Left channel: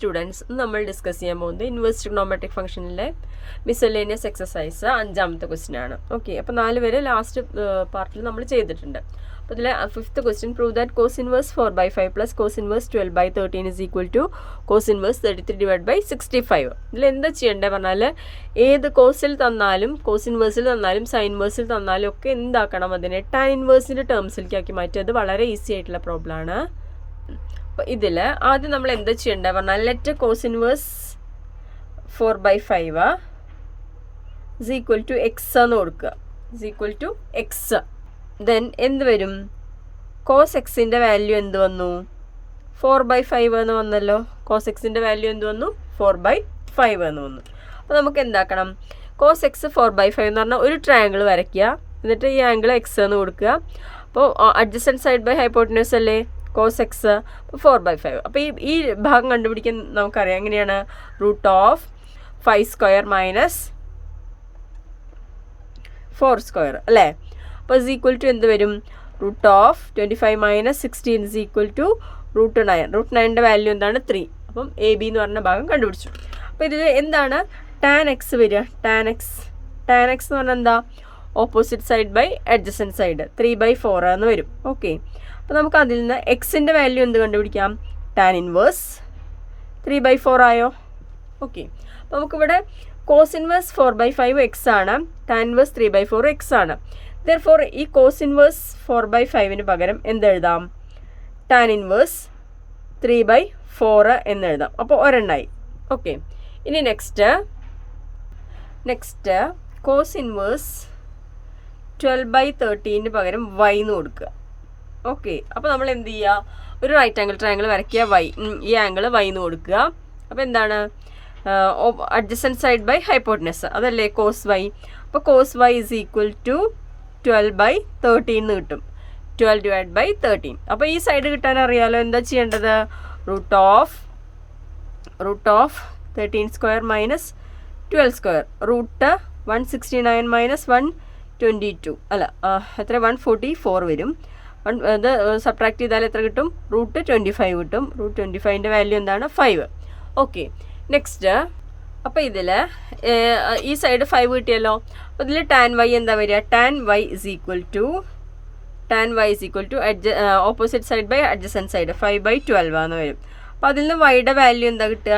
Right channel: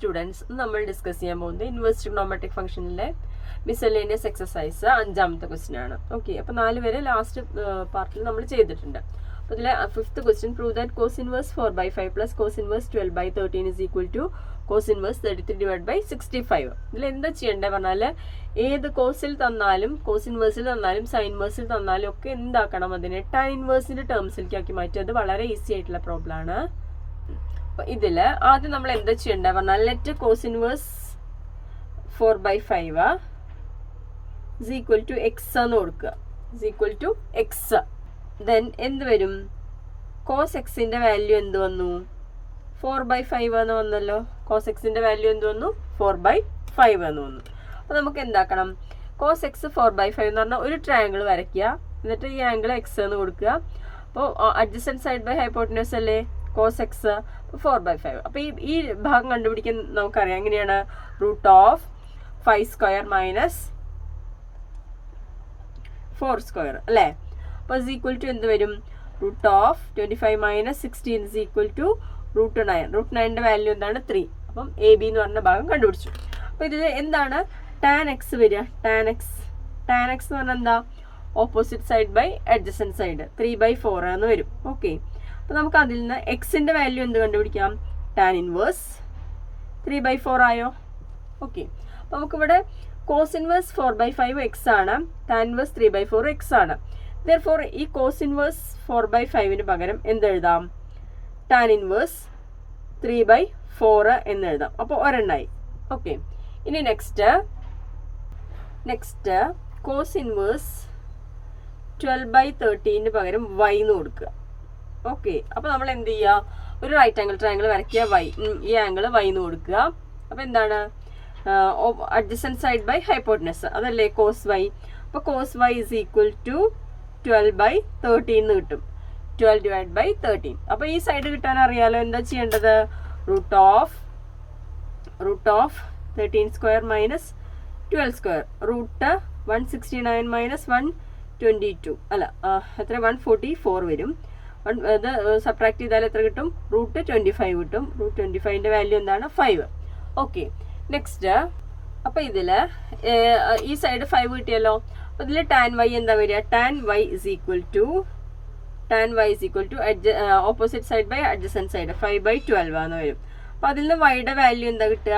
Students നമ്മൾ discuss ചെയ്യാൻ പോകുന്നത് ഇൻവേഴ്സ് ട്രിഗണോമെട്രിക് ഫംഗ്ഷനിലെ മിസലേനിയസ് എക്സസൈസ് 5ാമത്തെ ക്വസ്റ്റ്യൻ ആണ്. ഓക്കെ, അപ്പോൾ 4 വരെ ലാസ്റ്റ് പാർട്ടിൽ നമ്മൾ ചെയ്തിട്ടുണ്ട്. അപ്പോൾ ഇതിലെ 5th question prove that cos inverse 4/5 plus cos inverse 12/13 is equal to cos inverse 33/65. ഇതിൽ എന്താ ചെയ്യേണ്ടത് പറഞ്ഞാൽ ഏത് കോസിൽ തന്നാലും കോസ് ഇൻവേഴ്സിൽ തന്നാലും സൈൻ ഇൻവേഴ്സിൽ തന്നാലും ഒക്കെ എന്താക്കണം, അതിനെ ടാൻ ഇൻവേഴ്സിൻ്റെ ടേംസിലേക്ക് ആക്കി മാറ്റി. അത് വളരെ ഈസി ആയിട്ടുള്ള പ്രോബ്ലം ആണ്. അപ്പോൾ ഇതിൽ ആദ്യം നമ്മൾ എന്താ ചെയ്യേണ്ടത് പറഞ്ഞാൽ let cos inverse 4/5 is equal to x എന്ന് കൊടുക്കുക. Is equal to x. Then എന്ത് വരും? കോസ് എക്സിൻ്റെ വാല്യൂ എന്ത് വന്നു? 4/5 എന്ന് വന്നല്ലോ. കോസ് എക്സിൻ്റെ വാല്യൂ എന്ത് വന്നു? 4/5 എന്ന് വന്നു. അപ്പോൾ നമുക്ക് എന്താക്കണം? കോസ് എക്സ് 4/5 എന്ന് പറഞ്ഞാൽ ഒരു ട്രയാങ്കിൾ വരയ്ക്കുക. എന്നിട്ട് ഈ ആംഗിൾ എക്സ് എന്ന് കൊടുക്കുക. അപ്പോൾ അഡ്ജസൻറ്റ് സൈഡ് ബൈ ഹൈപ്പോട്ടന്യൂസ് അല്ലേ കോസ് എക്സ്. അപ്പോൾ 4/5. അപ്പോൾ ഈ ഭാഗം കണ്ടുപിടിക്കാൻ നമുക്കറിയാം എങ്ങനെയാണ്? √5² - 4² അല്ലേ? അപ്പോൾ ഇസ് ഈക്വൽ ടു എന്ത് വരും? √25 - 16 ഇസ് ഈക്വൽ ടു √9. √9ൻ്റെ വാല്യൂ എന്താണ്? 3. അപ്പം AB എന്ന് പറഞ്ഞ ഭാഗം കണ്ടുപിടിച്ചു. അപ്പോൾ ഇതിൽ എന്താണ് ടാൻ എക്സ് വരിക? ടാൻ എക്സ് എന്ന് പറഞ്ഞാൽ എന്താ? Opposite side by adjacent side 3/4 എന്ന് വരും. ഓക്കെ, അപ്പോൾ നമുക്ക് അതിൽ നിന്ന് എക്സിൻ്റെ വാല്യൂ എന്ത് കണ്ടുപിടിക്കാം? ടാൻ ഇൻവേഴ്സ് 3/4 ആയോ? ഓക്കെ, അപ്പോൾ നമുക്കിവിടെ കോസ് ഇൻവേഴ്സ് 4/5 എക്സ് ആണ്, ടാൻ ഇൻവേഴ്സ് 3/4 എക്സ് ആണ്. ദെർഫോർ ഈ കോസ് ഇൻവേഴ്സ് 4/5 പകരം എന്തെഴുതാം? ടാൻ ഇൻവേഴ്സ് 3/4 എന്നെഴുതാം. അപ്പോൾ ഒരെണ്ണായി. ഓക്കെ, ഇനി നെക്സ്റ്റ് കോസ് ഇൻവേഴ്സ് 12/13 പകരം y എന്ന് കൊടുക്കുക. ഓക്കെ, അപ്പോൾ നമ്മൾ എന്ത് ചെയ്യുക? ഒരു റൈറ്റ് ആംഗിൾ ട്രയാംഗിൾ വരയ്ക്കുക. ഈ ആംഗിൾ y എന്ന് കൊടുക്കുക. അപ്പോൾ എന്താണ്? അഡ്ജസൻറ്റ് സൈഡ് ബൈ ഹൈപ്പോട്ടനസ് അതല്ലേ കോസ് y. അപ്പോൾ cos y is equal to 12/13 എന്ന് കിട്ടും. 12/13. അപ്പോൾ ഈ സൈഡ് കിട്ടാൻ അറിയാലോ എന്താ ചെയ്യേണ്ടത്? √13² - 12². √169 - 122 അല്ല എത്ര? 144 വരും. ഇത് സബ്ട്രാക്ട് ചെയ്താൽ എത്ര കിട്ടും? √25 കിട്ടും. √25ൻ്റെ വാല്യൂ എന്താണ്? 5. Okay, next. അപ്പോൾ ഇതിൽ ഈ സൈഡ് 5 കിട്ടിയല്ലോ. അപ്പോൾ ഇതിൽ ടാൻ y എന്താ വരിക? Tan y is equal to opposite side by adjacent side 5/12 എന്ന് വരും. അപ്പോൾ അതിൽ നിന്ന് വൈയുടെ വാല്യൂ എന്താ കിട്ടുക?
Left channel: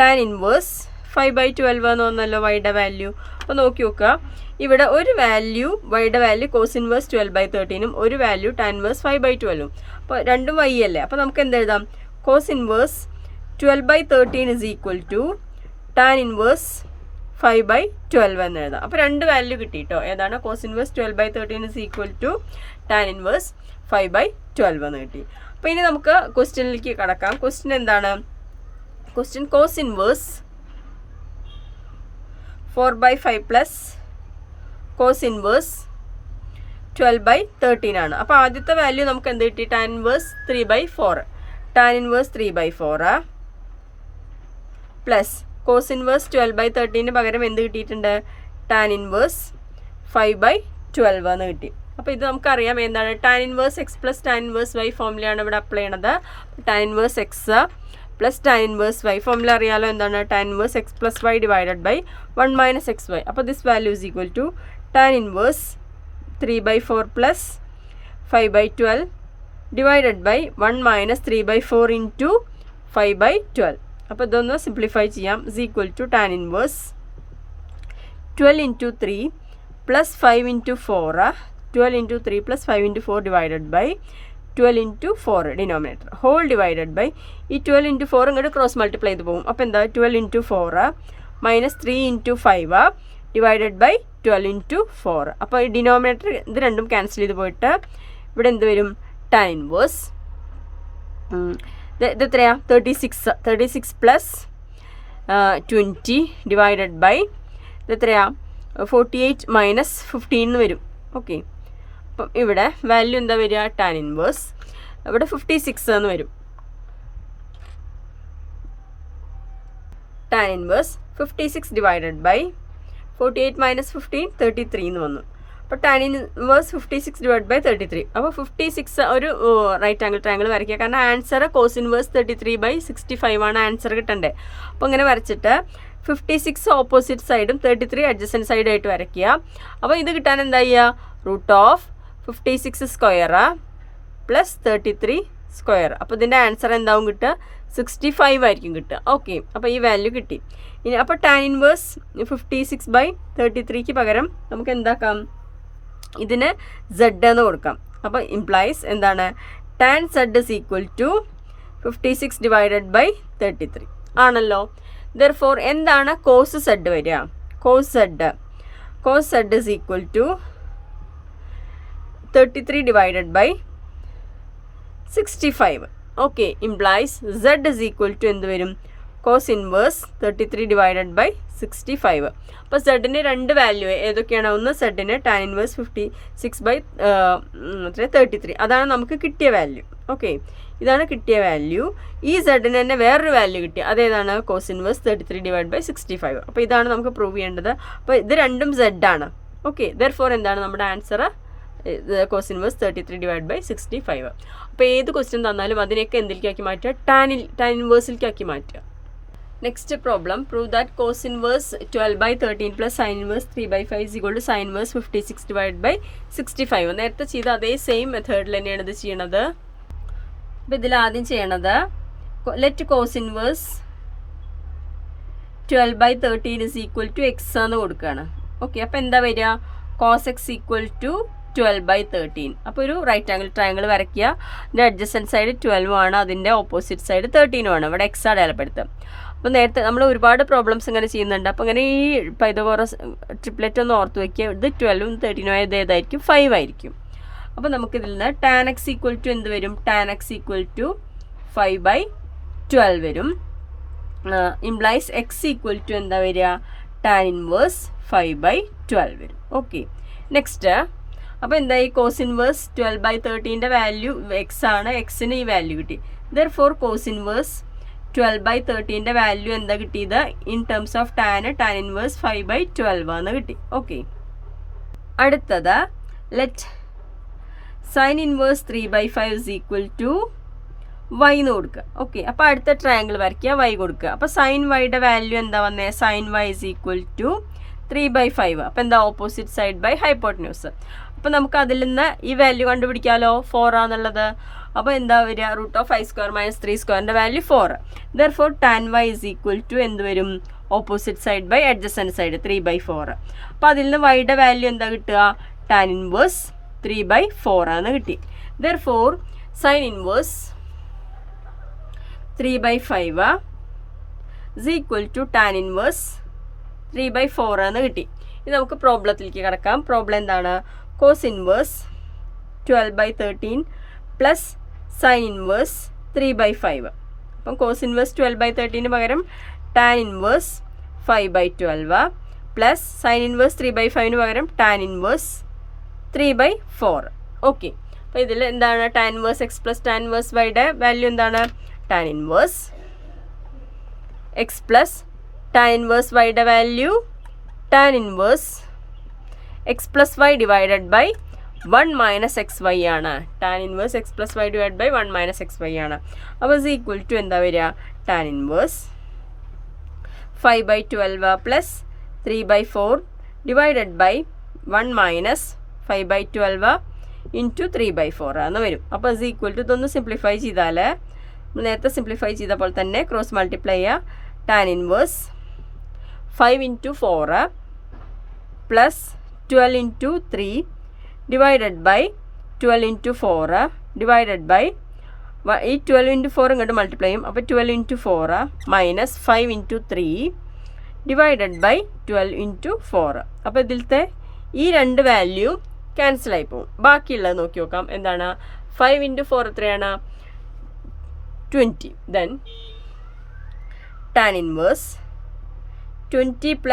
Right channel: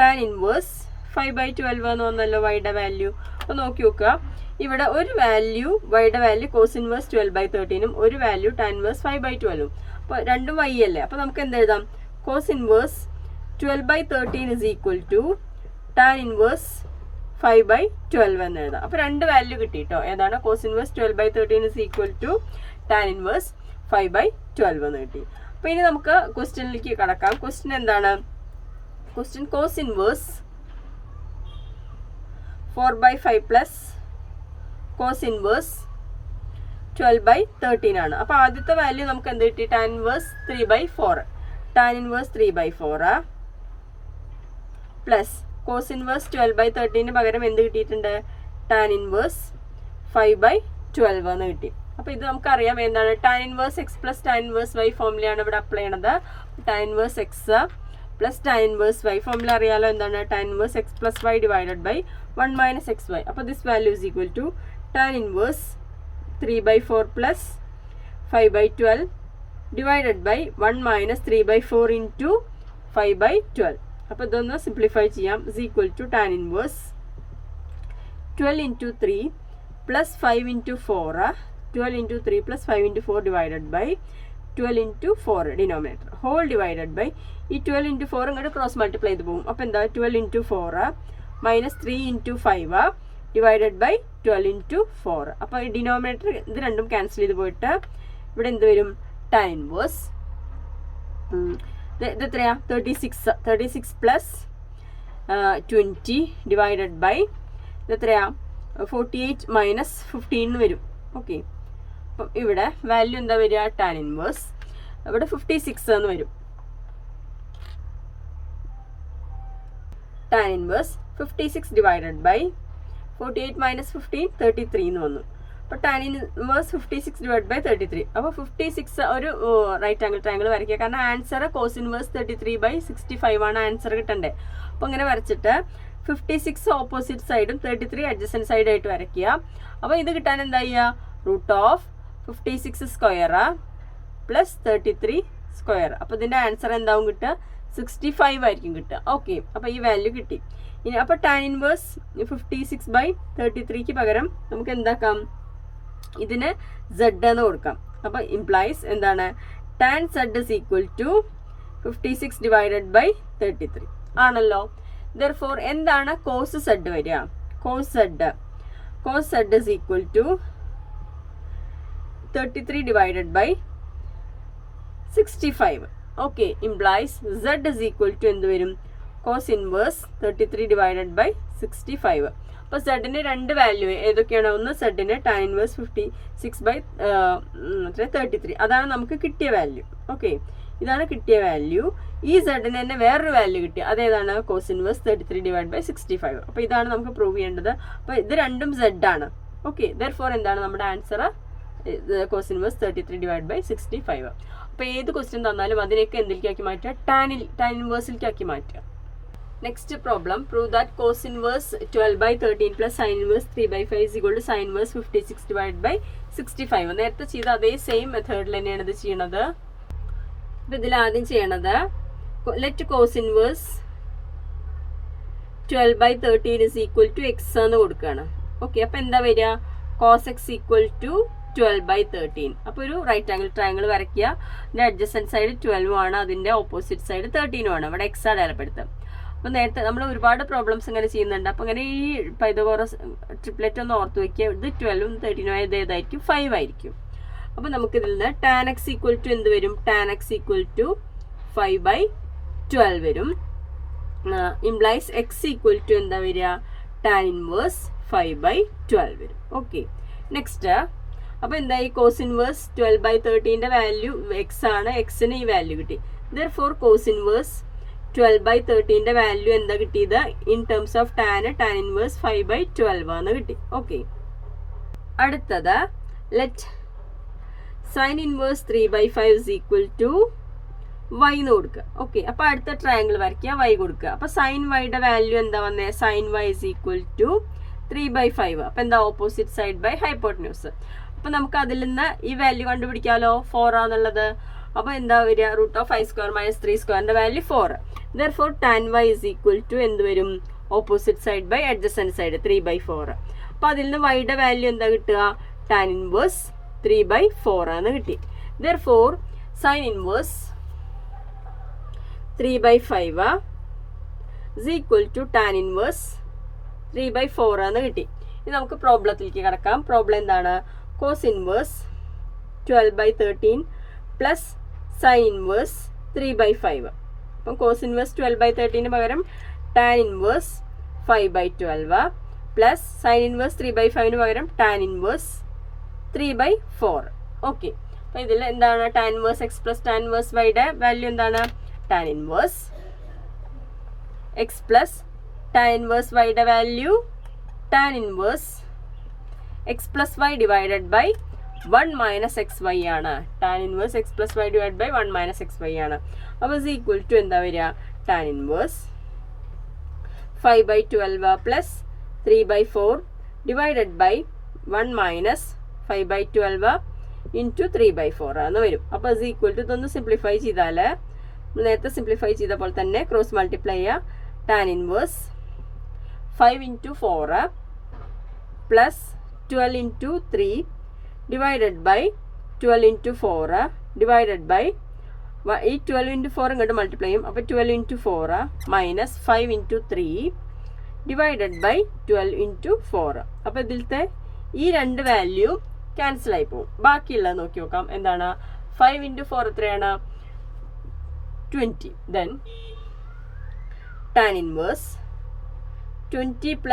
ടാൻ ഇൻവേഴ്സ് 5/12 എന്ന് വന്നല്ലോ വൈയുടെ വാല്യൂ. അപ്പോൾ നോക്കി നോക്കുക, ഇവിടെ ഒരു വാല്യൂ വൈയുടെ വാല്യൂ കോസ് ഇൻവേഴ്സ് 12/13 ഒരു വാല്യൂ ടാൻ ഇൻവേഴ്സ് 5/12. അപ്പോൾ രണ്ടും y അല്ലേ? അപ്പോൾ നമുക്ക് എന്തെഴുതാം? Cos inverse 12/13 is equal to tan inverse 5/12 എന്ന് എഴുതാം. അപ്പോൾ രണ്ട് വാല്യൂ കിട്ടി കേട്ടോ. ഏതാണ്? Cos inverse 12/13 is equal to tan inverse 5/12 എന്ന് കിട്ടി. അപ്പോൾ ഇനി നമുക്ക് ക്വസ്റ്റ്യനിലേക്ക് കടക്കാം. ക്വസ്റ്റ്യൻ എന്താണ്? Question cos inverse 4/5 plus cos inverse 12/13 ആണ്. അപ്പോൾ ആദ്യത്തെ വാല്യൂ നമുക്ക് എന്ത് കിട്ടി? Tan inverse 3/4. Tan inverse 3/4 plus cos inverse 12/13 പകരം എന്ത് കിട്ടിയിട്ടുണ്ട്? ടാൻ ഇൻവേഴ്സ് 5/12 എന്ന് കിട്ടി. അപ്പോൾ ഇത് നമുക്കറിയാം എന്താണ്? Tan inverse x plus tan inverse y ഫോമുലയാണ് ഇവിടെ അപ്ലൈ ചെയ്യണത്. Tan inverse x plus tan inverse y formula അറിയാലോ എന്താണ്? Tan inverse x plus y divided by 1 - xy. അപ്പോൾ this value is equal to tan inverse 3/4 plus 5/12 divided by 1 - 3/4 into 5/12. അപ്പോൾ ഇതൊന്ന് simplify ചെയ്യാം. Is equal to tan inverse 12 × 3 plus 5 × 4 12 × 3 plus 5 × 4 divided by 12 × 4 denominator whole divided by ഈ 12 × 4 ഇങ്ങോട്ട് cross multiply ചെയ്ത് പോകും. അപ്പോൾ എന്താ? 12 × 4 - 3 × 5 ഡിവൈഡഡ് ബൈ 12 × 4. അപ്പോൾ ഈ ഡിനോമിനേറ്റർ ഇത് രണ്ടും ക്യാൻസൽ ചെയ്ത് പോയിട്ട് ഇവിടെ എന്ത് വരും? ടാൻ ഇൻവേഴ്സ് ഇത് എത്രയാണ്? 36 പ്ലസ് 20 ഡിവൈഡഡ് ബൈ ഇത് എത്രയാണ്? 48 - 15 എന്ന് വരും. ഓക്കെ, അപ്പം ഇവിടെ വാല്യൂ എന്താ വരിക? ടാൻ ഇൻവേഴ്സ് ഇവിടെ 56 എന്ന് വരും. ടാൻ ഇൻവേഴ്സ് 56 ഡിവൈഡഡ് ബൈ 48 - 15 33 എന്ന് വന്നു. അപ്പോൾ ടാൻ ഇൻവേഴ്സ് 56/33. അപ്പോൾ 56 ഒരു റൈറ്റ് ആംഗിൾ ട്രയാംഗിൾ വരയ്ക്കുക. കാരണം ആൻസർ കോസ് ഇൻവേഴ്സ് 33/65 ആണ് ആൻസർ കിട്ടണ്ടേ. അപ്പോൾ ഇങ്ങനെ വരച്ചിട്ട് 56 ഓപ്പോസിറ്റ് സൈഡും 33 അഡ്ജസൻറ്റ് സൈഡായിട്ട് വരയ്ക്കുക. അപ്പോൾ ഇത് കിട്ടാൻ എന്താ ചെയ്യുക? √56² + 33 സ്ക്വയർ. അപ്പോൾ ഇതിൻ്റെ ആൻസർ എന്താവും കിട്ടുക? 65 ആയിരിക്കും കിട്ടുക. ഓക്കെ, അപ്പോൾ ഈ വാല്യൂ കിട്ടി. ഇനി അപ്പോൾ ടാൻ ഇൻവേഴ്സ് 56/33ക്ക് പകരം നമുക്ക് എന്താക്കാം? ഇതിന് Z എന്ന് കൊടുക്കാം. അപ്പോൾ ഇംപ്ലൈസ് എന്താണ്? ടാൻ Z = 56/33 ആണല്ലോ. Therefore എന്താണ് കോസ് Z വരിക? Cos Z = 33/65. Okay, implies Z = എന്ത് വരും? Cos inverse 33/65. അപ്പോൾ സെഡിന് രണ്ട് വാല്യൂ ഏതൊക്കെയാണ്? ഒന്ന് സെഡിന് ടാൻ ഇൻവേഴ്സ് 56/33 അതാണ് നമുക്ക് കിട്ടിയ വാല്യൂ. ഓക്കെ, ഇതാണ് കിട്ടിയ വാല്യൂ. ഈ സെഡിന് തന്നെ വേറൊരു വാല്യൂ കിട്ടി. അതേതാണ്? Cos inverse 33/65. അപ്പോൾ ഇതാണ് നമുക്ക് പ്രൂവ് ചെയ്യേണ്ടത്. അപ്പോൾ ഇത് രണ്ടും Z ആണ്. ഓക്കെ, ദെർഫോർ എന്താണ് നമ്മുടെ ആൻസർ? Cos inverse 33/65. അപ്പോൾ ഏത് ക്വസ്റ്റ്യൻ തന്നാലും അതിനെയൊക്കെ എന്തിലേക്കാക്കി മാറ്റുക? ടാൻ ഇൻവേഴ്സിലേക്കാക്കി മാറ്റുക. Next problem, prove that cos inverse 12/13 + sine inverse 3/5 = sine inverse 56/65. നേരത്തെ ചെയ്ത അതേ സെയിം മെത്തേഡിൽ തന്നെയാണ് ഇത് ചെയ്യണത്. അപ്പോൾ ഇതിൽ ആദ്യം ചെയ്യണത് ലെറ്റ് കോസ് ഇൻവേഴ്സ് 12/13 = x എന്ന് കൊടുക്കുകയാണ്. ഓക്കെ, അപ്പോൾ എന്താ വരിക? Cos x = 12/13. അപ്പോൾ ഒരു റൈറ്റ് ആംഗിൾ ട്രയാംഗിൾ വരയ്ക്കുക. ഇതിൻ്റെ അഡ്ജസൻറ്റ് സൈഡ് 12 ആണ്, അതിൻ്റെ ഓപ്പോസിറ്റ് സൈഡ് 13 ആണ്. ഇവിടെ എക്സ് അടയാളപ്പെടുത്തുക. അപ്പോൾ നേരത്തെ നമ്മൾ ഒരുപാട് പ്രോബ്ലംസ് ഇങ്ങനെ ചെയ്യുന്നുണ്ട്. അപ്പോൾ ഇങ്ങനെ ഈ പൈതഗോറസ് ട്രിപ്ലെറ്റ് ഒന്ന് ഓർത്ത് വയ്ക്കുക. ഇത് 12ഉം 13ഉം ആയത് ഏതായിരിക്കും? 5 ആയിരിക്കും. അപ്പോൾ നമുക്കിതിൽ നിന്ന് ടാൻ x = എന്ത് വരും? ടാൻ x = 5/12 വരും. ഇംപ്ലൈസ് x = എന്താ വരിക? ടാൻ ഇൻവേഴ്സ് 5/12 വരും. ഓക്കെ, നെക്സ്റ്റ് അപ്പോൾ എന്തായി? കോസ് ഇൻവേഴ്സ് 12/13ൻ്റെ വാല്യൂ എക്സ് ആണ്. എക്സിന് ഈ വാല്യൂ കിട്ടി. ദെർഫോർ കോസ് ഇൻവേഴ്സ് 12/13ൻ്റെ വാല്യൂ എന്താ കിട്ടിയത്? In terms of tan inverse 5/12 ആണ് കിട്ടി. ഓക്കെ, അടുത്തത് ലെറ്റ് സൈൻ ഇൻവേഴ്സ് 3/5 = y എന്ന് കൊടുക്കുക. ഓക്കെ, അപ്പോൾ അടുത്ത ട്രയാംഗിൾ വരയ്ക്കുക, y കൊടുക്കുക. അപ്പോൾ സൈൻ വൈയുടെ വാല്യൂ എന്താ വന്നേ? Sine y = 3/5. അപ്പോൾ എന്താ? Opposite side by hypotenuse. അപ്പോൾ നമുക്ക് അതിൽ നിന്ന് ഈ വാല്യൂ കണ്ടുപിടിക്കാമല്ലോ, 4 ആണെന്നുള്ളത്. അപ്പോൾ എന്താ വരിക? √5² - 3² വാല്യൂ 4. ദെർഫോർ ടാൻ y = എന്ത് വരും? Opposite side by adjacent side 3/4. അപ്പോൾ അതിൽ നിന്ന് വൈയുടെ വാല്യൂ എന്താ കിട്ടുക? ടാൻ ഇൻവേഴ്സ് 3/4 ആണ് കിട്ടി. Therefore sine inverse 3/5 = tan inverse 3/4 എന്ന് കിട്ടി. ഇത് നമുക്ക് പ്രോബ്ലത്തിലേക്ക് കിടക്കാം. പ്രോബ്ലം എന്താണ്? Cos inverse 12/13 + sine inverse 3/5. അപ്പം കോസ് ഇൻവേഴ്സ് 12/13 പകരം ടാൻ ഇൻവേഴ്സ് 5/12 + സൈൻ ഇൻവേഴ്സ് 3/5 പകരം ടാൻ ഇൻവേഴ്സ് 3/4. ഓക്കെ, അപ്പോൾ ഇതിൽ എന്താണ്? Tan inverse x + tan inverse yയുടെ വാല്യൂ എന്താണ്? Tan inverse x + tan inverse yയുടെ value tan inverse x + y / 1 - xy ആണ്. Tan inverse x + y / 1 - xy ആണ്. അപ്പോൾ = എന്താ വരിക? ടാൻ ഇൻവേഴ്സ് 5/12 + 3/4 / 1 - 5/12 × 3/4 എന്ന് വരും. അപ്പോൾ ഇതൊന്ന് സിംപ്ലിഫൈ ചെയ്താൽ നേരത്തെ സിംപ്ലിഫൈ ചെയ്ത പോലെ തന്നെ ക്രോസ് മൾട്ടിപ്ലൈ ചെയ്യുക. ടാൻ ഇൻവേഴ്സ് 5 × 4 + 12 × 3 / 12 × 4 / ഈ 12 × 4 ഇങ്ങോട്ട് മൾട്ടിപ്ലൈ ചെയ്യും. അപ്പോൾ 12 × 4 - 5 × 3 / 12 × 4. അപ്പോൾ ഇതിലത്തെ ഈ രണ്ട് വാല്യൂ ക്യാൻസൽ ആയി പോകും. ബാക്കിയുള്ളത് നോക്കി നോക്കാം. എന്താണ്? 5 × 4 എത്രയാണ്? 20. ദെൻ ടാൻ ഇൻവേഴ്സ് 20 +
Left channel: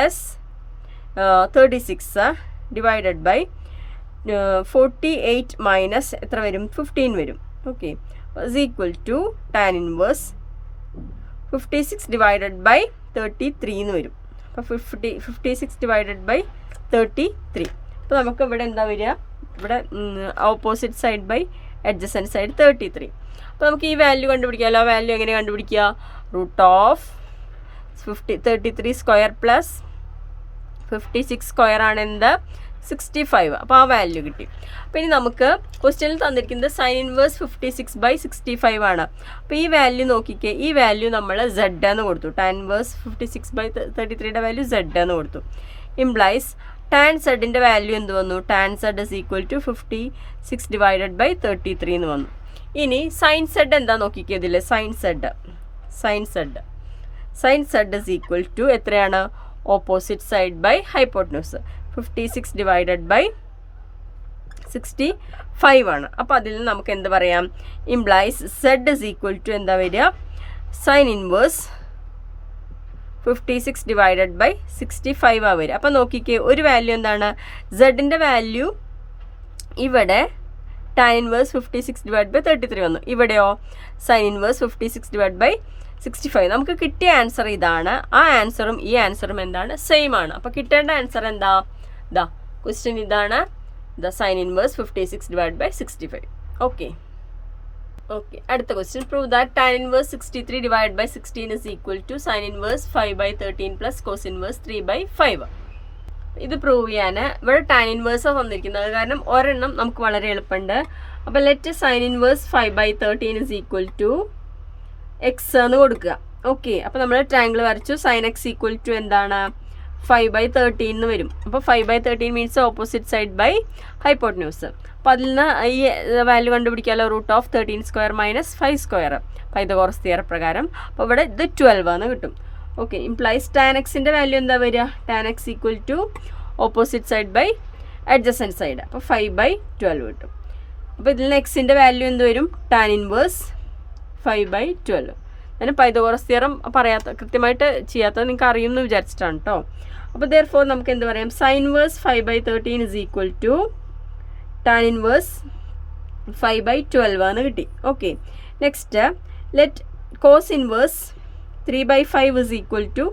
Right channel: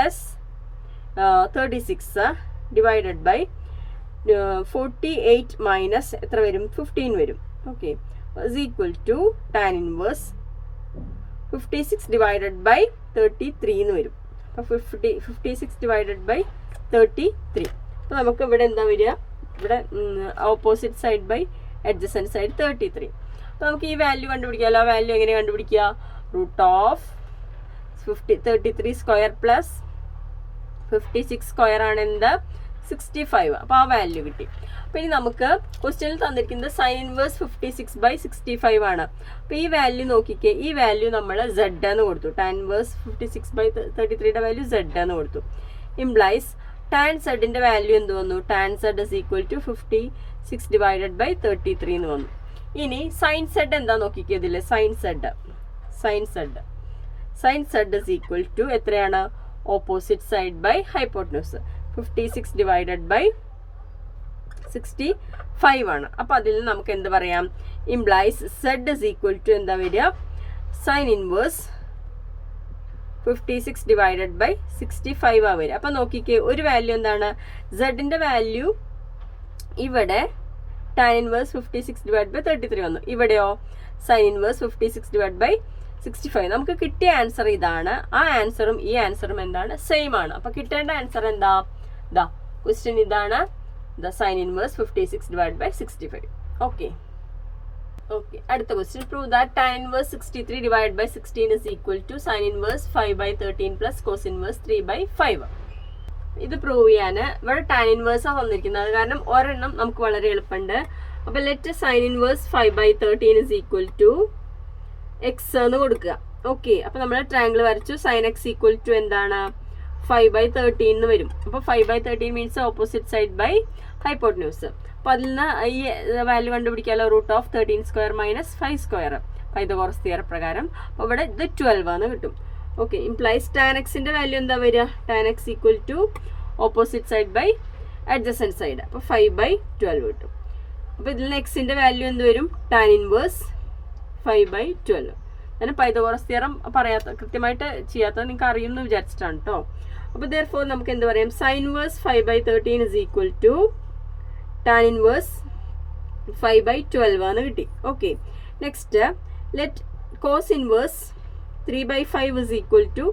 36 / 48 മൈനസ് എത്ര വരും? 15 വരും. ഓക്കെ, = ടാൻ ഇൻവേഴ്സ് 56 / 33 എന്ന് വരും. അപ്പോൾ 56 / 33. അപ്പോൾ അപ്പോൾ നമുക്ക് ഇവിടെ എന്താ വരിക, ഇവിടെ opposite side by adjacent side 33. അപ്പോൾ നമുക്ക് ഈ വാല്യൂ കണ്ടുപിടിക്കാമല്ലോ. ആ വാല്യൂ എങ്ങനെ കണ്ടുപിടിക്കുക? √33 സ്ക്വയർ പ്ലസ് 56 സ്ക്വയർ ആണ് എന്ത് 65. അപ്പോൾ ആ വാല്യൂ കിട്ടി. അപ്പോൾ ഇനി നമുക്ക് ക്വസ്റ്റ്യനിൽ തന്നിരിക്കുന്നത് സൈൻ ഇൻവേഴ്സ് 56/65 ആണ്. അപ്പോൾ ഈ വാല്യൂ നോക്കിക്കേ, ഈ വാല്യൂ നമ്മൾ Z എന്ന് കൊടുത്തു. ടാൻ ഇൻവേഴ്സ് 56/33യുടെ വാല്യൂ Z എന്ന് കൊടുത്തു. ഇംപ്ലൈസ് ടാൻ സെഡിൻ്റെ വാല്യൂ എന്ത് വന്നു? Tan z is equal to 56/33 എന്ന് വന്നു. ഇനി സൈൻ സെഡ് എന്താ നോക്കിക്കേ ഇതിൽ. Sine z is equal to എത്രയാണ്? ഓപ്പോസിറ്റ് സൈഡ് ബൈ ഹൈപ്പോട്ടന്യൂസ് 56/65 ആണ്. അപ്പോൾ അതിൽ നമുക്ക് എന്ത് പറയാം? Implies z is equal to എന്താ വരിക? സൈൻ ഇൻവേഴ്സ് 56/65 ആ വരിക. അപ്പോൾ നോക്കിക്കേ, ഒരു വാല്യൂ എന്താണ്? സെഡിൻ്റെ വാല്യൂ ഇവിടെ ടാൻ ഇൻവേഴ്സ് 56/33 വന്നു. ഇവിടെയോ സൈൻ ഇൻവേഴ്സ് 56/65. നമുക്ക് കിട്ടിയ ആൻസർ ഇതാണ്. ആ ആൻസറും ഈ ആൻസറും എന്താണ്? സെയിം ആണ്. അപ്പോൾ കിട്ടേണ്ട ആൻസർ എന്താ? ക്വസ്റ്റ്യൻ ഇതാണ്. Sine inverse 56/65. ഓക്കെ. അടുത്ത question. Prove that tan inverse 63/16 is equal to sine inverse 5/13 plus cos inverse 3/5. ഇത് പ്രൂവ് ചെയ്യാൻ ഇവിടെ ടാൻ ഇൻവേഴ്സാണ് തന്നിരിക്കുന്നത്. കാരണം ഒരെണ്ണം നമുക്ക് വളരെ എളുപ്പമുണ്ട്. അപ്പോൾ let sine inverse 5/13 is equal to x എന്ന് കൊടുക്കുക. ഓക്കെ. അപ്പോൾ നമ്മൾ ട്രയാങ്കിൾ വരച്ചു. സൈൻ എക്സ് ഈക്വൽ ടു എന്താണ്? 5/13 എന്ന് വരും. അപ്പോൾ 5/13 means opposite side by hypotenuse. അപ്പോൾ അതിൽ നിന്ന് ഈ വാല്യൂ കണ്ടുപിടിക്കാമല്ലോ. √13² - 5² പൈതഗോറസ് തിയറം പ്രകാരം. അപ്പോൾ ഇവിടെ ഇത് 12 എന്ന് കിട്ടും. ഓക്കെ. ഇംപ്ലൈസ് ടാൻ എക്സിൻ്റെ വാല്യൂ എന്താ വരിക? Tan x equal to opposite side by adjacent side. അപ്പോൾ 5/12 കിട്ടും. അപ്പോൾ ഇതിൽ നിന്ന് എക്സിൻ്റെ വാല്യൂ എന്ത് വരും? Tan inverse 5/12. ഞാൻ പൈതഗോറസ് തിയറം കൃത്യമായിട്ട് ചെയ്യാത്തത് നിങ്ങൾക്ക് അറിയുമെന്ന് വിചാരിച്ചിട്ടാണ് കേട്ടോ. അപ്പോൾ therefore നമുക്ക് എന്ത് പറയാം? Sine inverse 5/13 is equal to tan inverse 5/12 എന്ന് കിട്ടി. Okay. Next let cos inverse 3/5 is equal to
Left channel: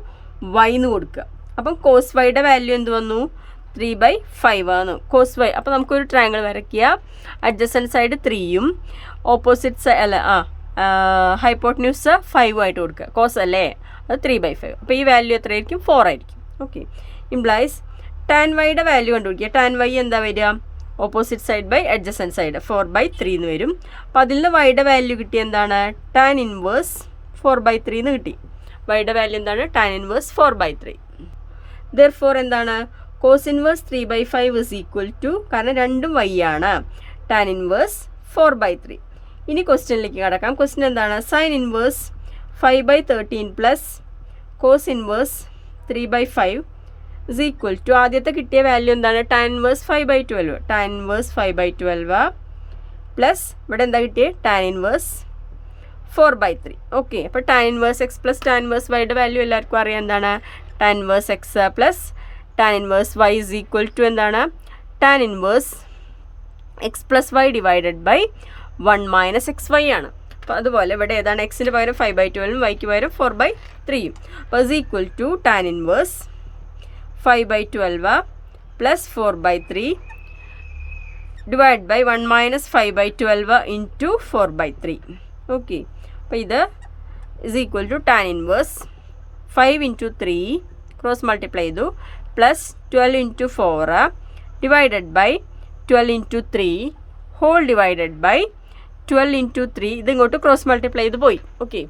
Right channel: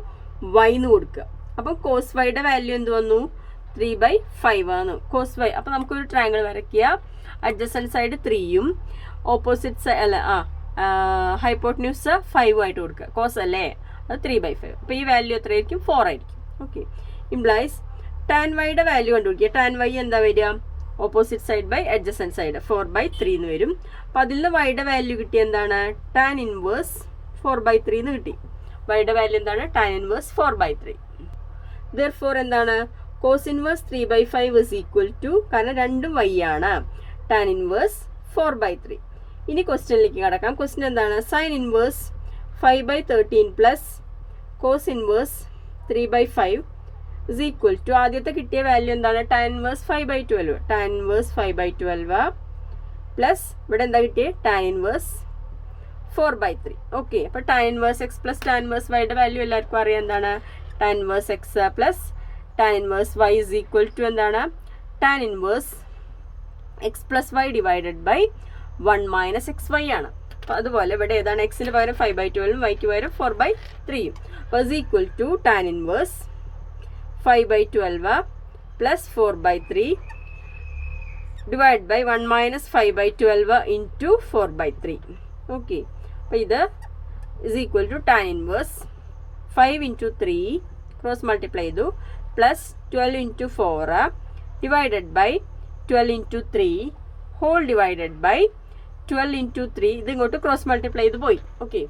y എന്ന് കൊടുക്കുക. അപ്പം കോസ് വൈയുടെ വാല്യൂ എന്ത് വന്നു? 3/5 ആണ് കോസ് വൈ. അപ്പോൾ നമുക്കൊരു ട്രയാങ്കിൾ വരയ്ക്കുക. അഡ്ജസൻറ്റ് സൈഡ് 3യും ഓപ്പോസിറ്റ് സൈഡ് ഹൈപ്പോട്ടന്യൂസ് 5 ആയിട്ട് കൊടുക്കുക. കോസ് അല്ലേ, അത് 3/5. അപ്പോൾ ഈ വാല്യൂ എത്രയായിരിക്കും? 4 ആയിരിക്കും. ഓക്കെ. ഇംപ്ലൈസ് ടാൻ വൈയുടെ വാല്യൂ കണ്ടുപിടിക്കുക. ടാൻ വൈ എന്താ വരിക? Opposite side by adjacent side 4/3 എന്ന് വരും. അപ്പോൾ അതിൽ നിന്ന് വൈയുടെ വാല്യൂ കിട്ടി എന്താണ്? ടാൻ ഇൻവേഴ്സ് 4/3 എന്ന് കിട്ടി. വൈയുടെ വാല്യൂ എന്താണ്? Tan inverse 4/3. therefore എന്താണ്? Cos inverse 3/5 is equal to, കാരണം രണ്ടും വൈ ആണ്, ടാൻ ഇൻവേഴ്സ് 4/3. ഇനി ക്വസ്റ്റ്യനിലേക്ക് കിടക്കാം. ക്വസ്റ്റ്യൻ എന്താണ്? Sine inverse 5/13 plus cos inverse 3/5 is equal to, ആദ്യത്തെ കിട്ടിയ വാല്യൂ എന്താണ്? Tan inverse 5/12. Tan inverse 5/12 plus ഇവിടെ എന്താ കിട്ടിയത്? Tan inverse 4/3. ഓക്കെ. അപ്പോൾ tan inverse x plus tan inverse വൈയുടെ വാല്യൂ എല്ലാവർക്കും അറിയാം എന്താണ്? Tan inverse x plus tan inverse y is equal to എന്താണ്? Tan inverse x plus y divided by 1 - xy ആണ്. അപ്പോൾ അതുപോലെ ഇവിടെ ഏതാണ്? എക്സിന് പകരം 5/12 വൈക്ക് പകരം 4/3. അപ്പോൾ is equal to tan inverse 5/12 plus 4/3 divide by 1 - 5/12 into 4/3. Okay. അപ്പോൾ ഇത് is equal to tan inverse 5 × 3 cross multiply ചെയ്തു plus 12 × 4 divided by 12 × 3 whole divided by 12 × 3 ഇതിങ്ങോട്ട് ക്രോസ് മൾട്ടിപ്ലൈ ചെയ്ത് പോയി. ഓക്കെ.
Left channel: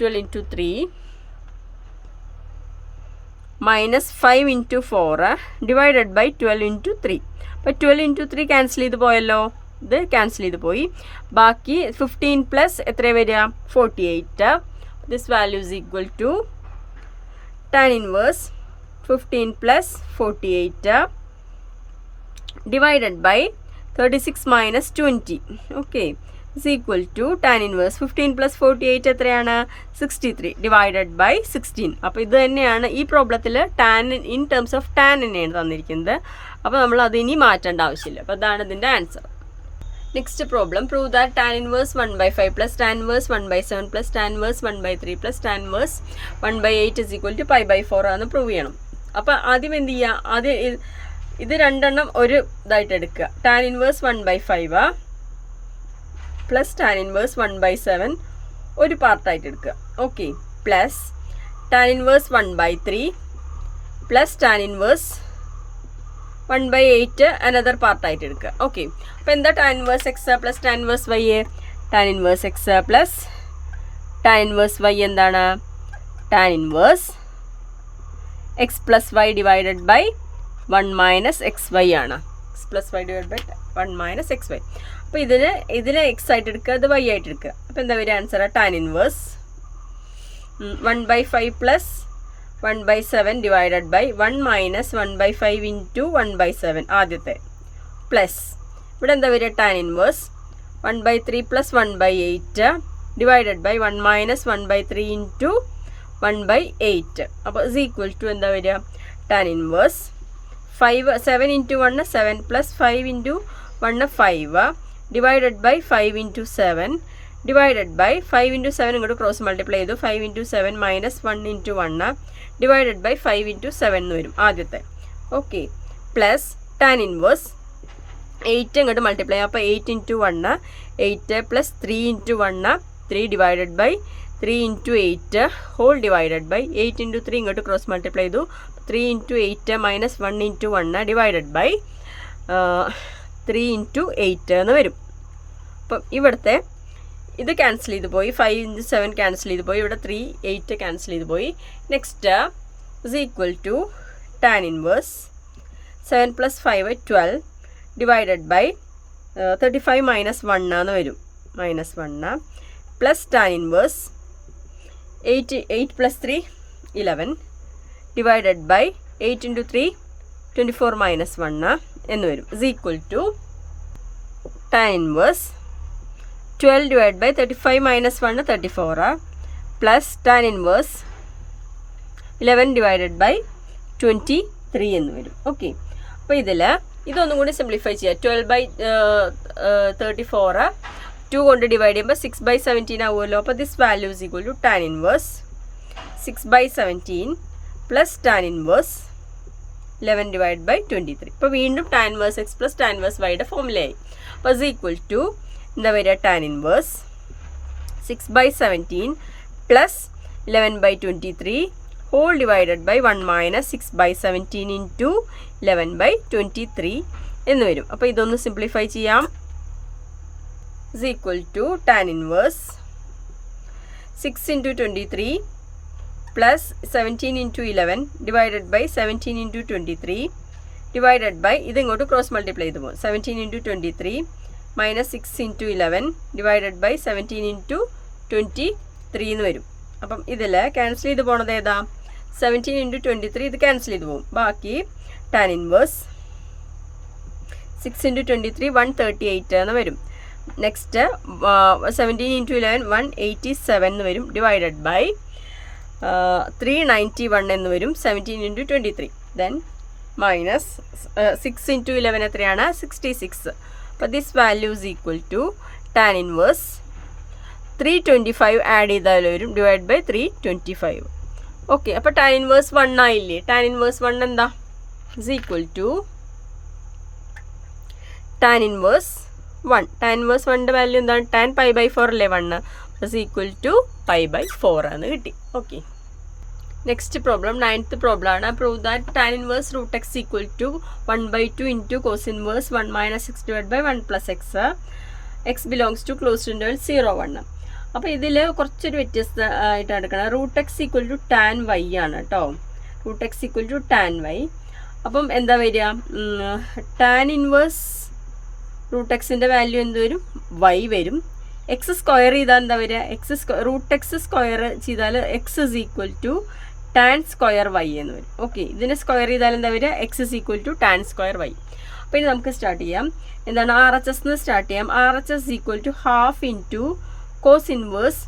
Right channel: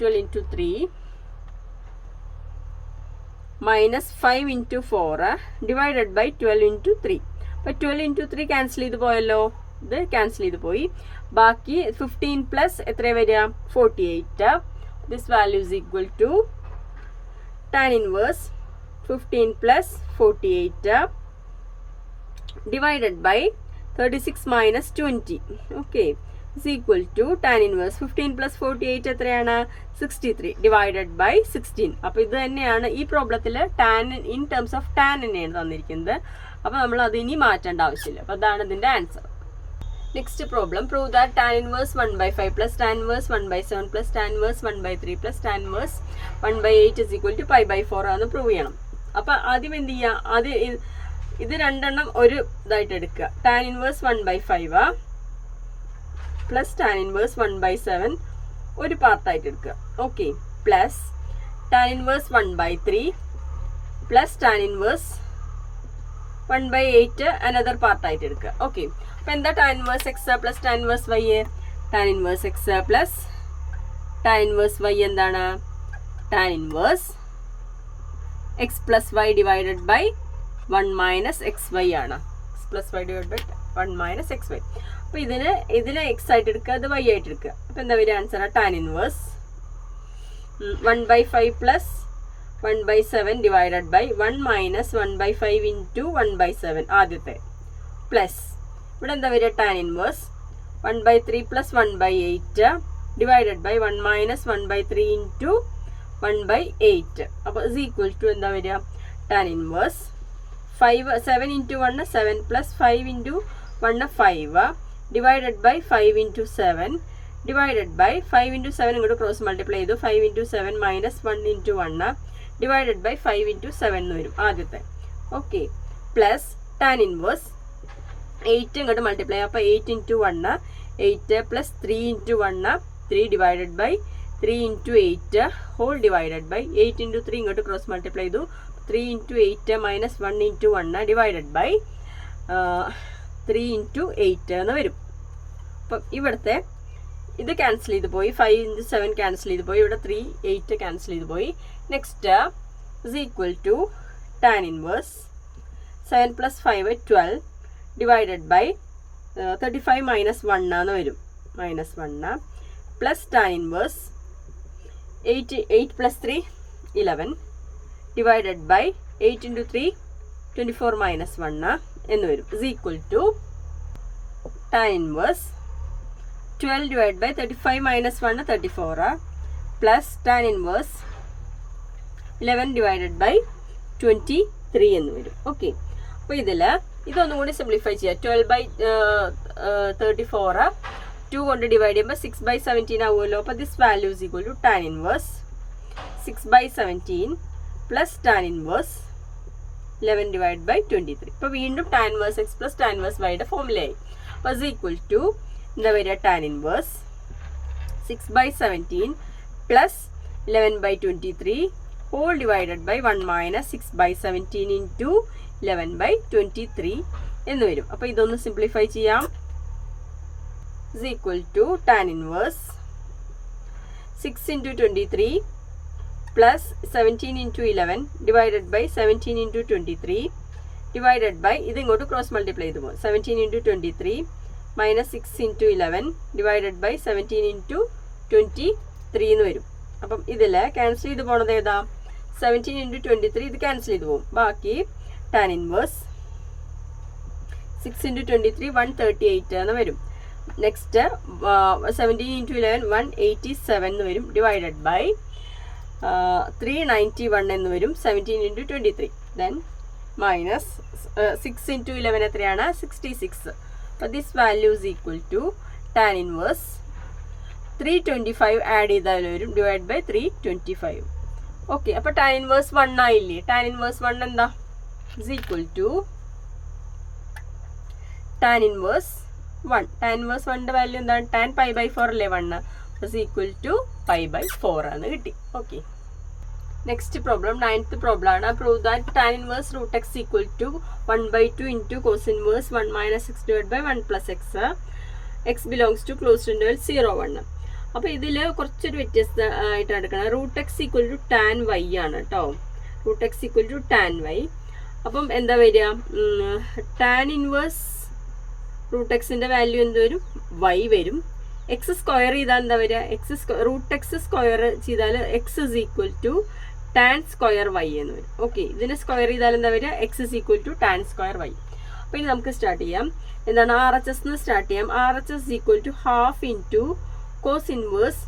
12 × 3 minus 5 × 4 divided by 12 × 3. അപ്പോൾ 12 × 3 ക്യാൻസൽ ചെയ്ത് പോയല്ലോ. ഇത് ക്യാൻസൽ ചെയ്ത് പോയി. ബാക്കി 15 പ്ലസ് എത്ര വരിക? 48. This value is equal to tan inverse 15 plus 48 divided by 36 - 20. Okay. Is equal to tan inverse 15 plus 48 എത്രയാണ്? 63 ഡിവൈഡഡ് ബൈ 16. അപ്പോൾ ഇത് തന്നെയാണ് ഈ പ്രോബ്ലത്തിൽ tan in terms of tan തന്നെയാണ് തന്നിരിക്കുന്നത്. അപ്പോൾ നമ്മൾ അത് ഇനി മാറ്റേണ്ട ആവശ്യമില്ല. അപ്പോൾ അതാണ് ഇതിൻ്റെ answer. Next problem. Prove that tan inverse 1/5 plus tan inverse 1/7 plus tan inverse 1/3 plus tan inverse 1/8 is equal to π/4 എന്ന് പ്രൂവ് ചെയ്യണം. അപ്പോൾ ആദ്യം എന്ത് ചെയ്യുക? ആദ്യം ഇത് രണ്ടെണ്ണം ഒരു ഇതായിട്ട് എടുക്കുക. Tan inverse 1/5 plus tan inverse 1/7 ഒരു പാർട്ടായിട്ട് എടുക്കുക. Okay, plus tan inverse 1/3 plus tan inverse 1/8 another പാർട്ടായിട്ട് എടുക്കുക. ഓക്കെ, അപ്പോൾ എന്താ tan inverse x plus tan inverse y? Tan inverse x plus tan inverse y എന്താണ്? Tan inverse x plus y divided by 1 minus x y ആണ്. X plus y divide by 1 minus x y. അപ്പോൾ ഇതിനെ X ആയിട്ട് എടുക്കുക, അത് Y ആയിട്ട് എടുക്കുക. അപ്പോൾ എന്താ വരിക answer? Tan inverse 1/5 plus 1/7 divided by 1 minus 1/5 into 1/7 ആദ്യത്തെ പ്ലസ് ഇവിടെ എന്താ വരിക? Tan inverse 1/3 plus 1/8 divided by 1 minus 1/3 into 1/8. അപ്പോൾ ഇസ് ഈക്വൽ ടു എന്താ വരിക? Tan inverse 7 into 1 7 plus 5 into 1 5 divided by 5 into 7 divided by 5 into 7 ഇങ്ങോട്ട് ക്രോസ് മൾട്ടിപ്ലൈ ചെയ്തു. 5 into 7 minus 1 into 1 divided by 5 into 7 എന്ന് വരും ആദ്യത്തെ. ഓക്കെ, പ്ലസ് ടാൻ ഇൻവേഴ്സ് 8 ഇങ്ങോട്ട് multiply അപ്പോൾ 8 into 1 8 plus 3 into 1 3 divided by 3 into 8 whole divided by 8 into 3 ഇങ്ങോട്ട് cross multiply ചെയ്തു. 3 into 8 minus 1 into 1 divided by 3 into 8 എന്ന് വരും. അപ്പം ഇവിടുത്തെ ഇത് ക്യാൻസൽ ചെയ്ത് പോയി. 5 ഇൻറ്റു 7 ക്യാൻസൽ ചെയ്ത് പോയി. ഇവിടെ 3 8 ക്യാൻസൽ ചെയ്ത് പോയി. Next is equal to tan inverse 7 plus 5 12 divided by 35 minus 1 എന്ന് വരും. Minus 1 plus tan inverse 8 plus 3 11 divided by 8 into 3 24 minus 1 എന്ന് വരും. Is equal to tan inverse 12 divide by 35 minus 1 34 plus tan inverse 11 divided by 23 എന്ന് വരും. Okay, അപ്പോൾ ഇതൊന്നും കൂടി simplify ചെയ്യാം. 12 ബൈ 34 2 കൊണ്ട് ഡിവൈഡ് ചെയ്യുമ്പോൾ 6/17 ആവുമല്ലോ. അപ്പോൾ this value is equal to tan inverse 6/17 plus tan inverse 11 divide by 23. ഇപ്പോൾ വീണ്ടും tan inverse x plus tan inverse വൈയുടെ ഫോമുലയായി. അപ്പോൾ ഇസ് ഈക്വൽ ടു എന്താ വരിക? Tan inverse 6/17 plus 11/23 whole divided by 1 minus 6/17 into 11/23 എന്ന് വരും. അപ്പോൾ ഇതൊന്ന് സിംപ്ലിഫൈ ചെയ്യാം. Is equal to tan inverse 6 into 23 plus 17 into 11 divided by 17 into 23 divided by ഇത് ഇങ്ങോട്ട് ക്രോസ് മൾട്ടിപ്ലൈ ചെയ്ത് പോകും. 17 into 23 minus 6 into 11 divided by 17 into 23 എന്ന് വരും. അപ്പം ഇതിൽ ക്യാൻസൽ ചെയ്ത് പോണത് ഏതാ? 17 ഇൻറ്റു 23 ഇത് ക്യാൻസൽ ചെയ്ത് പോകും. ബാക്കി ടാൻ ഇൻവേഴ്സ് 6 ഇൻറ്റു 23 138 എന്ന് വരും. നെക്സ്റ്റ് 17 ഇൻറ്റു 11 187 എന്ന് വരും. ഡിവൈഡഡ് ബൈ 391 എന്ന് വരും. 17 ഇൻറ്റു 23 ദെൻ മൈനസ് 6 ഇൻറ്റു 11 എത്രയാണ്? 66. അപ്പോൾ this value is equal to tan inverse 325 add ചെയ്താൽ വരും. Divide by 325. ഓക്കെ, അപ്പോൾ ടാൻ ഇൻവേഴ്സ് 1 ആയില്ലേ? ടാൻ ഇൻവേഴ്സ് 1 എന്താ? Is equal to tan inverse 1. Tan inverse 1ൻ്റെ വാല്യൂ എന്താണ്? ടാൻ π/4 അല്ലേ 1. ഇസ് ഈക്വൽ ടു π/4 എന്ന് കിട്ടി. Okay, next problem 9th problem ആണ്. Prove that tan inverse root x equal to 1/2 into cos inverse 1 minus 6 divide by 1 plus x belongs to closed interval 0 1. അപ്പോൾ ഇതിൽ കുറച്ചൊരു വ്യത്യസ്തമായിട്ടാണ് എടുക്കണം. Root x equal to tan y ആണ് കേട്ടോ. Root x equal to tan y. അപ്പം എന്താ വരിക? ടാൻ ഇൻവേഴ്സ് റൂട്ട് എക്സിൻ്റെ വാല്യൂ എന്ത് വരും? വൈ വരും. എക്സ് സ്ക്വയർ ചെയ്താൽ എന്താ വരിക? റൂട്ട് എക്സ് സ്ക്വയർ ചെയ്താൽ x is equal to tan square y എന്ന് വരും. ഓക്കെ, ഇതിനെ സ്ക്വയർ ചെയ്താൽ എന്താ വരിക? X is equal to tan square y. അപ്പോൾ ഇനി നമുക്ക് സ്റ്റാർട്ട് ചെയ്യാം. എന്താണ്? RHS എന്ന് സ്റ്റാർട്ട് ചെയ്യാം. RHS equal to half into cos inverse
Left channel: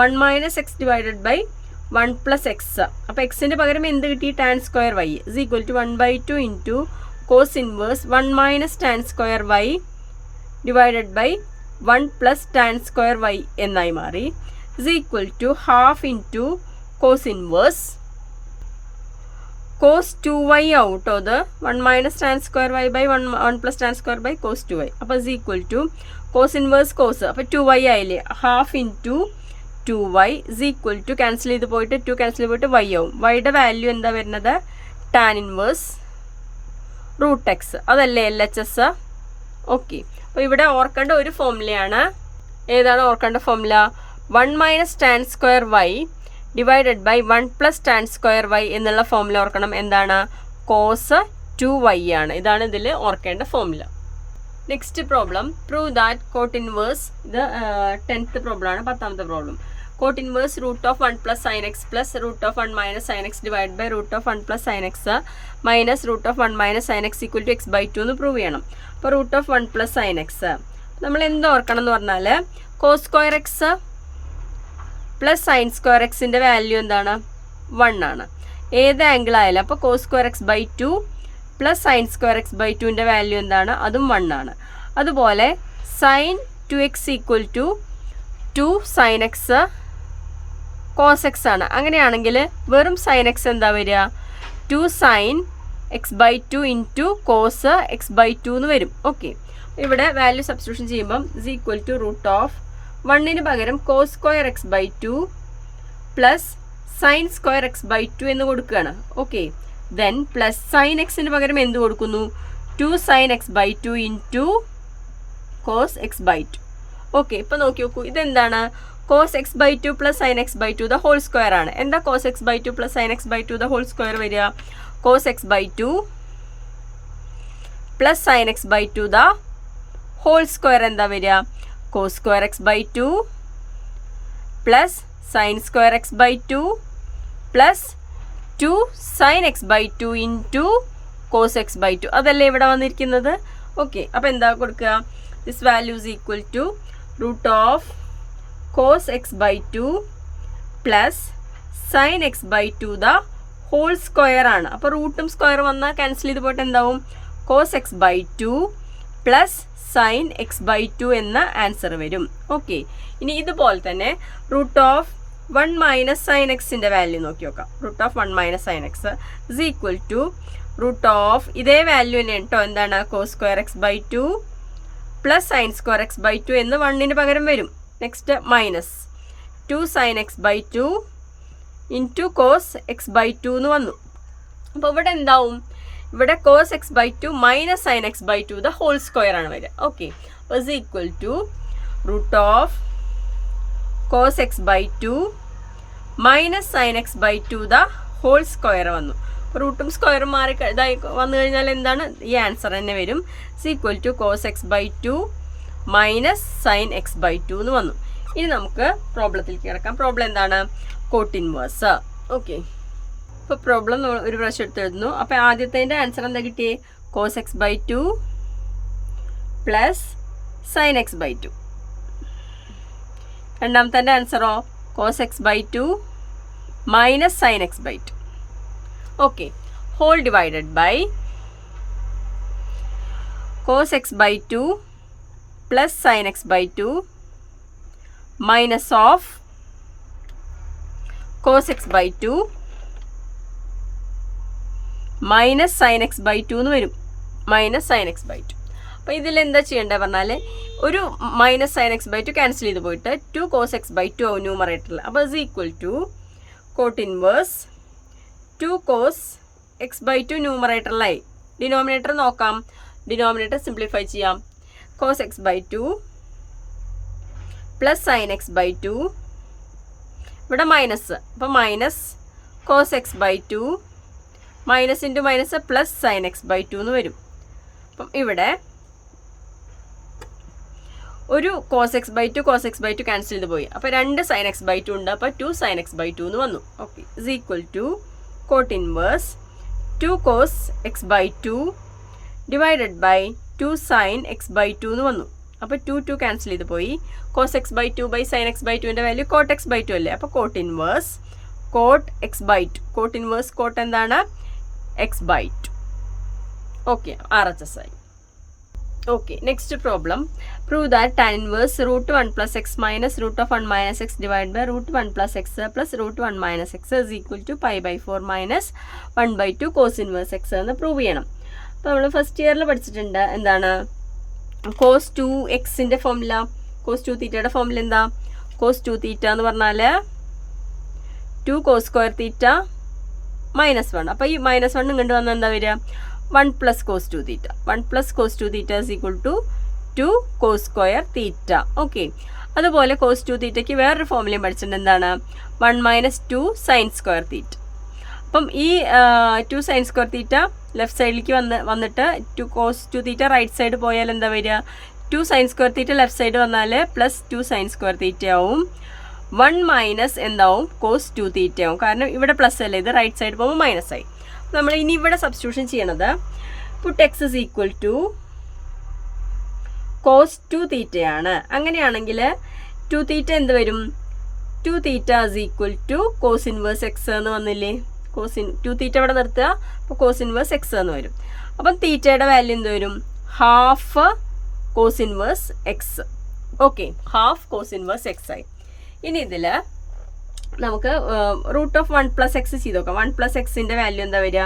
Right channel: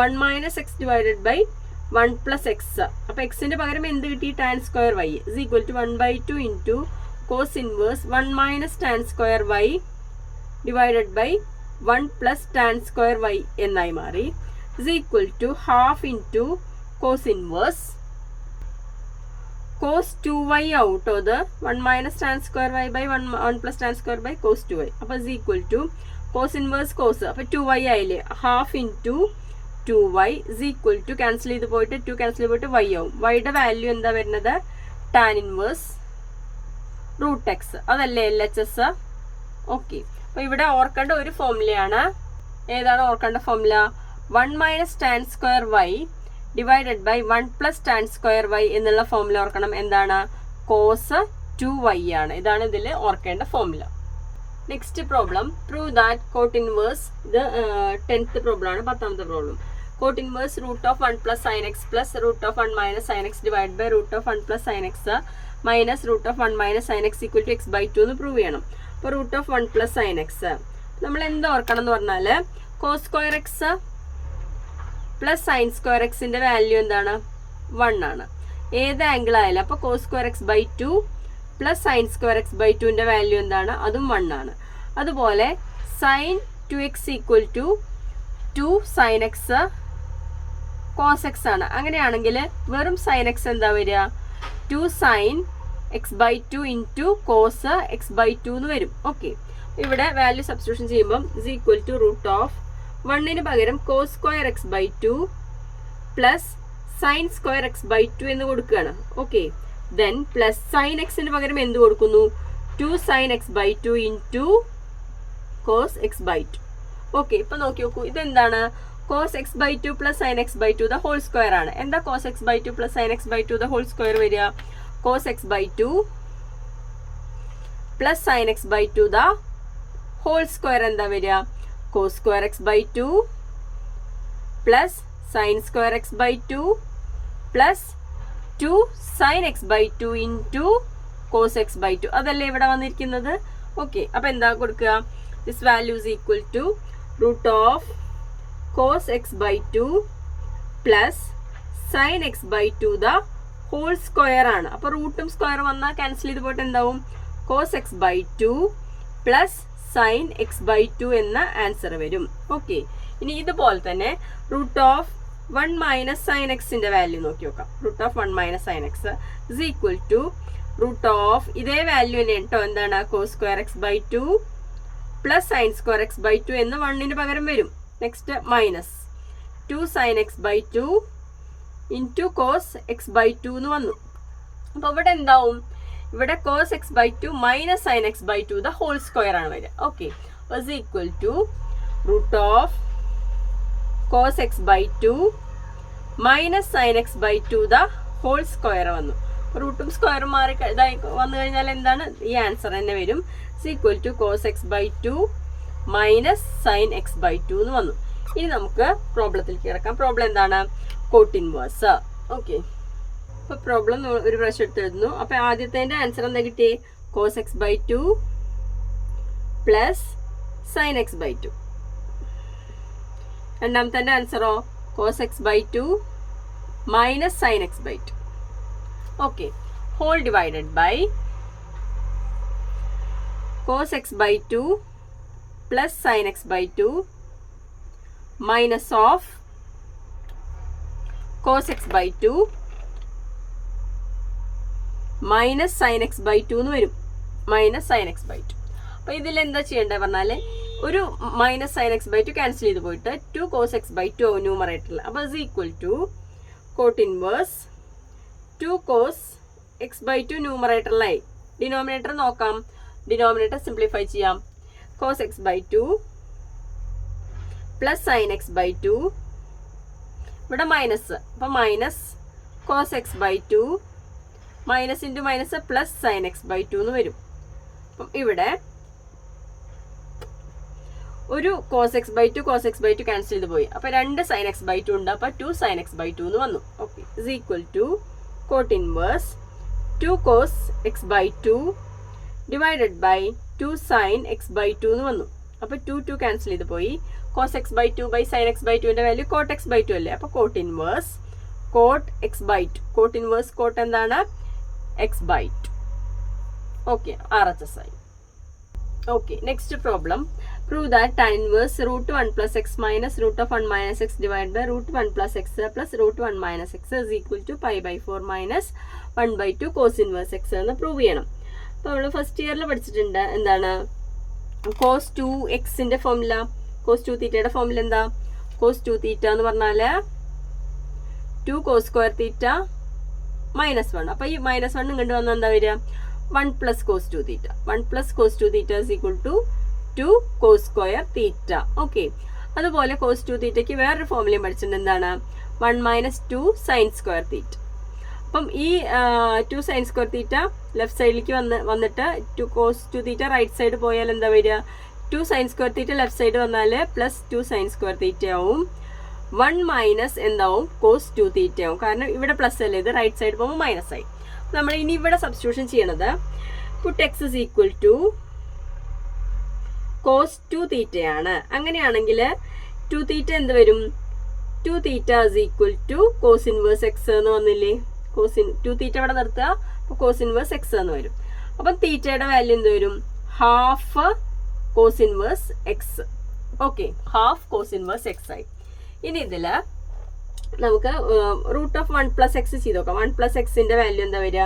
1 minus x divided by 1 plus x. അപ്പോൾ എക്സിൻ്റെ പകരം എന്ത് കിട്ടി? Tan square y is equal to 1/2 into cos inverse 1 minus tan square y divided by 1 plus tan square y എന്നായി മാറി. Is equal to half into cos inverse cos 2y ആവും കേട്ടോ. അത് 1 minus tan square y by 1 plus tan square by cos 2y. അപ്പോൾ is equal to cos inverse cos, അപ്പോൾ 2y ആയില്ലേ, half into 2y is equal to cancel ചെയ്ത് പോയിട്ട് 2 cancel ചെയ്ത് പോയിട്ട് y ആവും. വൈയുടെ വാല്യൂ എന്താ വരുന്നത്? ടാൻ ഇൻവേഴ്സ് റൂട്ട് എക്സ്, അതല്ലേ LHS. ഓക്കെ, അപ്പോൾ ഇവിടെ ഓർക്കേണ്ട ഒരു ഫോർമുലയാണ്. ഏതാണ് ഓർക്കേണ്ട formula? 1 minus tan square y divided by 1 plus tan square y എന്നുള്ള ഫോർമുല ഓർക്കണം. എന്താണ്? കോസ് 2y ആണ്. ഇതാണ് ഇതിൽ ഓർക്കേണ്ട formula. Next problem, prove that cot inverse, ഇത് 10th പ്രോബ്ലം ആണ്, 10th problem. Cot inverse root of 1 plus sine x plus root of 1 minus sine x divide by root of 1 plus sine x minus root of 1 minus sine x equal to x by 2 എന്ന് prove ചെയ്യണം. അപ്പോൾ root of 1 plus sine x നമ്മൾ എന്ത് ഓർക്കണം എന്ന് പറഞ്ഞാൽ cos square x plus sine square എക്സിൻ്റെ value എന്താണ്? 1 ആണ്. ഏത് ആംഗിൾ ആയാലും. അപ്പോൾ cos square x by 2 plus sine square x by 2ൻ്റെ വാല്യൂ എന്താണ്? അതും 1 ആണ്. അതുപോലെ sine 2x equal to 2 sine x cos x ആണ്. അങ്ങനെയാണെങ്കിൽ വെറും സൈൻ എക്സ് എന്താ വരിക? 2 sine x by 2 into cos x by 2 എന്ന് വരും. ഓക്കെ, ഇവിടെ വാല്യൂ സബ്സ്റ്റിറ്റ്യൂഷൻ ചെയ്യുമ്പം is equal to root of 1ന് പകരം cos square x by 2 plus sine square x by 2 എന്ന് കൊടുക്കുകയാണ്. ഓക്കെ, ദെൻ പ്ലസ് സൈൻ എക്സിന് പകരം എന്ത് കൊടുക്കുന്നു? 2 sine x by 2 into cos x by 2. Okay, ഇപ്പോൾ നോക്കി നോക്കൂ, ഇതെന്താണ്? Cos x by 2 plus sine x by 2 the whole square ആണ്. എന്താ cos x by 2 plus sine x by 2 the whole square വരിക? Cos x by 2 plus sine x by 2 the whole square എന്താ വരിക? Cos square x by 2 plus sine square x by 2 plus 2 sine x by 2 into cos x by 2. അതല്ലേ ഇവിടെ വന്നിരിക്കുന്നത്. ഓക്കെ, അപ്പോൾ എന്താ കൊടുക്കുക? This value is equal to root of cos x by 2 plus sine x by 2 the whole square ആണ്. അപ്പോൾ റൂട്ടും സ്ക്വയർ വന്നാൽ ക്യാൻസൽ ചെയ്ത് പോയിട്ട് എന്താവും? Cos x by 2 plus sine x by 2 എന്ന ആൻസർ വരും. ഓക്കെ, ഇനി ഇതുപോലെ തന്നെ റൂട്ട് ഓഫ് 1 മൈനസ് സൈൻ എക്സിൻ്റെ വാല്യൂ നോക്കി നോക്കാം. Root of 1 minus sine x is equal to root of ഇതേ വാല്യൂ തന്നെ കേട്ടോ. എന്താണ്? Cos square x by 2 plus sine square x by 2 എന്ന് 1ന് പകരം വരും. Next minus 2 sine x by 2 into cos x by 2 എന്ന് വന്നു. അപ്പോൾ ഇവിടെ എന്താവും? ഇവിടെ cos x by 2 minus sine x by 2 the whole square ആണ് വരിക. Okay, is equal to root of cos x by 2 minus sine x by 2 the whole square വന്നു. റൂട്ടും സ്ക്വയറും മാറി ഇതായി വന്നു കഴിഞ്ഞാൽ എന്താണ്? ഈ ആൻസർ തന്നെ വരും. Is equal to cos x by 2 minus sine x by 2 എന്ന് വന്നു. ഇനി നമുക്ക് പ്രോബ്ലത്തിലേക്ക് കിടക്കാം. പ്രോബ്ലം എന്താണ്? Cot inverse. ഓക്കെ, ഇപ്പോൾ പ്രോബ്ലം ഒരു പ്രാവശ്യം എടുത്തെഴുതുന്നു. അപ്പോൾ ആദ്യത്തെ ആൻസർ എന്താ കിട്ടിയേ? Cos x by 2 plus sine x by 2. രണ്ടാമത്തെ ആൻസറോ? Cos x by 2 minus sine x by 2. Okay, whole divided by cos x by 2 plus sine x by 2 minus of cos x by 2 minus sine x by 2 എന്ന് വരും. Minus sine x by 2. അപ്പോൾ ഇതിൽ എന്താ ചെയ്യേണ്ടത് പറഞ്ഞാൽ ഒരു minus sine x by 2 cancel ചെയ്ത് പോയിട്ട് 2 കോസ് എക്സ് ബൈ 2 ആവും ന്യൂമറേറ്ററിൽ. അപ്പോൾ is equal to cot inverse 2 cos x by 2 ന്യൂമറേറ്ററിലായി. ഡിനോമിനേറ്റർ നോക്കാം. ഡിനോമിനേറ്റർ സിംപ്ലിഫൈ ചെയ്യാം. Cos x by 2 plus sine x by 2, ഇവിടെ മൈനസ്, അപ്പോൾ minus cos x by 2 minus into minus plus sine x by 2 എന്ന് വരും. അപ്പം ഇവിടെ ഒരു കോസ് എക്സ് ബൈ 2 ക്യാൻസൽ ചെയ്ത് പോയി. അപ്പോൾ 2 സൈൻ എക്സ് ബൈ 2 ഉണ്ട്. അപ്പോൾ 2 സൈൻ എക്സ് ബൈ 2 എന്ന് വന്നു. Okay, is equal to cot inverse 2 cos x by 2 divided by 2 sine x by 2 എന്ന് വന്നു. അപ്പോൾ 2 ക്യാൻസൽ ചെയ്ത് പോയി. Cos x by 2 by sine x by 2ൻ്റെ വാല്യൂ കോട്ട് എക്സ് ബൈ 2 അല്ലേ. അപ്പോൾ cot inverse cot x by 2. Cot inverse cot എന്താണ്? X by 2. Okay, RHS ആയി. Okay, next problem. Prove that tan inverse root 1 plus x minus root of 1 minus x divided by root 1 plus x plus root 1 minus x is equal to pi by 4 minus 1 by 2 cos inverse x എന്ന് prove ചെയ്യണം. അപ്പോൾ നമ്മൾ first ഇയറിൽ പഠിച്ചിട്ടുണ്ട് എന്താണ് cos 2x ൻ്റെ formula, cos 2 തീറ്റയുടെ formula എന്താ? cos 2 തീറ്റ എന്ന് പറഞ്ഞാൽ 2 cos സ്ക്വയർ തീറ്റ മൈനസ് 1. അപ്പോൾ ഈ മൈനസ് 1 ഇങ്ങോട്ട് വന്നാൽ എന്താ വരിക? 1 plus cos 2 theta. 1 plus cos 2 theta is equal to 2 cos square theta. Okay, അതുപോലെ cos 2 തീറ്റയ്ക്ക് വേറൊരു ഫോർമുലയും പഠിച്ചിട്ടുണ്ട്. എന്താണ്? 1 minus 2 sin square theta. അപ്പം ഈ 2 sin square theta ലെഫ്റ്റ് സൈഡിലേക്ക് വന്നിട്ട് 2 cos 2 theta റൈറ്റ് സൈഡ് പോയാൽ എന്താ വരിക? 2 sin square theta left side വന്നാൽ പ്ലസ് 2 sin square theta ആവും. 1 മൈനസ് എന്താവും? cos 2 theta ആവും. കാരണം ഇവിടെ പ്ലസ് അല്ലേ, ഇത് റൈറ്റ് സൈഡ് പോകുമ്പോൾ മൈനസ് ആയി. നമ്മൾ ഇനി ഇവിടെ സബ്സ്റ്റിറ്റ്യൂഷൻ ചെയ്യണത് put x is equal to cos 2 തീറ്റയാണ്. അങ്ങനെയാണെങ്കിൽ 2 തീറ്റ എന്ത് വരും? 2 theta is equal to cos inverse x എന്ന് വന്നില്ലേ? 2 തീറ്റ ഇവിടെ നിർത്തുക, അപ്പോൾ കോസ് ഇൻവേഴ്സ് എക്സ് എന്ന് വരും. അപ്പം തീറ്റയുടെ വാല്യൂ എന്ത് വരും? Half cos inverse x. Okay, half cos inverse x ആയി. ഇനി ഇതിൽ നമുക്ക് റൂട്ട് ഓഫ് 1 പ്ലസ് എക്സ് ചെയ്ത് നോക്കാം. 1 പ്ലസ് എക്സിൻ്റെ വാല്യൂ എന്താ വരിക?